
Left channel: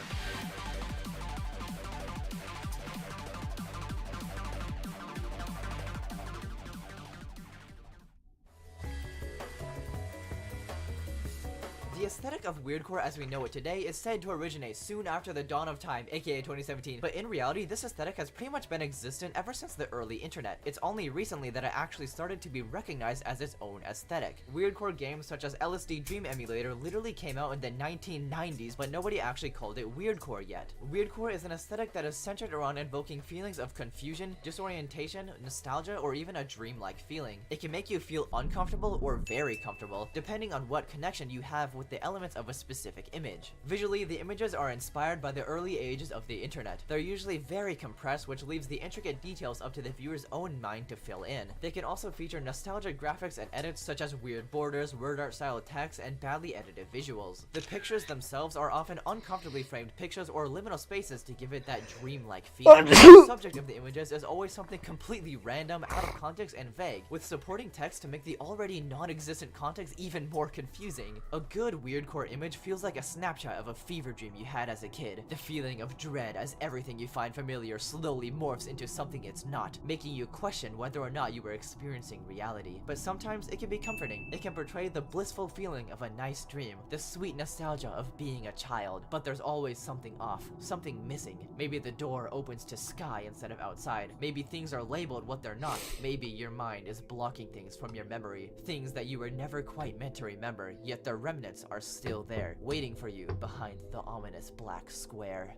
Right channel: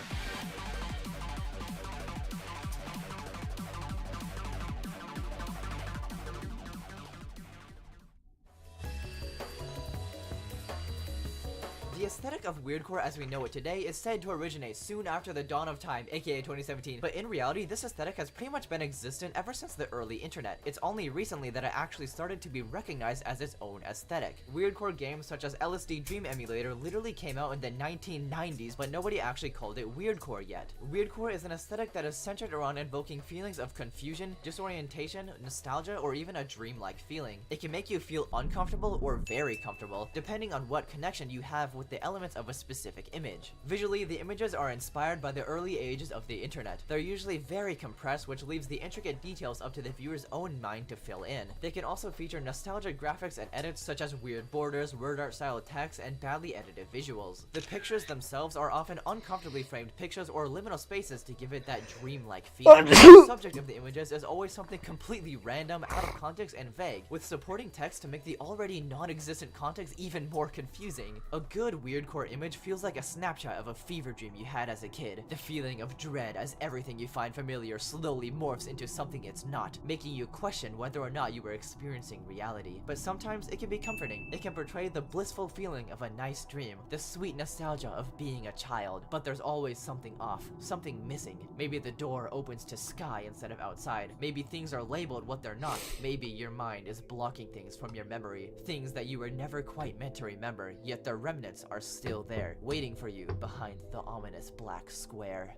The aesthetic of weirdcore as we know it today is said to originate soon after the dawn of time, aka 2017, but in reality this aesthetic has pretty much been existent ever since the early internet. It's only recently that it actually started to be recognized as its own aesthetic. Weirdcore games such as LSD Dream Emulator literally came out in the 1990s, but nobody actually called it weirdcore yet. Weirdcore is an aesthetic that is centered around invoking feelings of confusion, disorientation, nostalgia, or even a dreamlike feeling. It can make you feel uncomfortable or very comfortable, depending on what connection you have with the elements of a specific image. Visually, the images are inspired by the early ages of the internet. They're usually very compressed, which leaves the intricate details up to the viewer's own mind to fill in. They can also feature nostalgic graphics and edits such as weird borders, word art style text, and badly edited visuals. The pictures themselves are often uncomfortably framed pictures or liminal spaces to give it that dreamlike feeling. The subject of the images is always something completely random, out of context, and vague, with supporting text to make the already non-existent context even more confusing. A good weirdcore image feels like a snapshot of a fever dream you had as a kid. The feeling of dread as everything you find familiar slowly morphs into something it's not, making you question whether or not you were experiencing reality. But sometimes it can be comforting. It can portray the blissful feeling of a nice dream, the sweet nostalgia of being a child. But there's always something off, something missing. Maybe the door opens to sky instead of outside. Maybe things are labeled what they're not. Maybe your mind is blocking things from your memory, things that you were never quite meant to remember, yet the remnants are still there, waiting for you behind the ominous black square.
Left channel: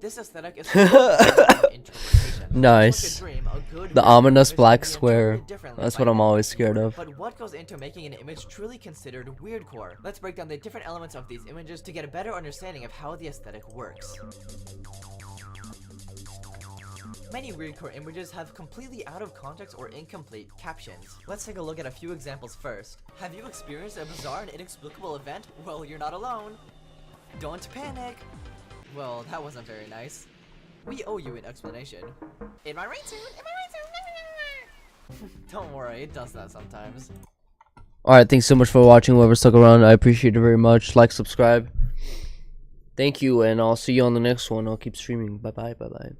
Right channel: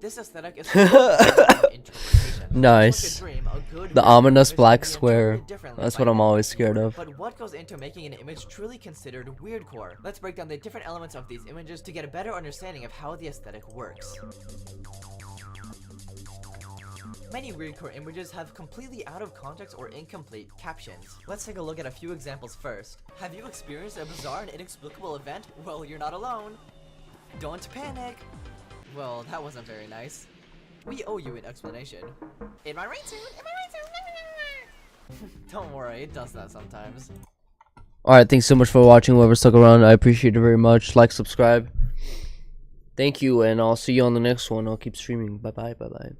This aesthetic is interpretation. Nice. The ominous black square. That's what I'm always scared of. But what goes into making an image truly considered weirdcore? Let's break down the different elements of these images to get a better understanding of how the aesthetic works. Many weirdcore images have completely out of context or incomplete captions. Let's take a look at a few examples first. Have you experienced a bizarre and inexplicable event? Well, you're not alone. Don't panic. Well, that wasn't very nice. We owe you an explanation. In my right suit, in my right suit. Don't worry, it does that sometimes. Alright, thanks so much for watching. Whoever stuck around, I appreciate it very much. Like, subscribe. Thank you, and I'll see you on the next one. I'll keep streaming. Bye bye, bye bye.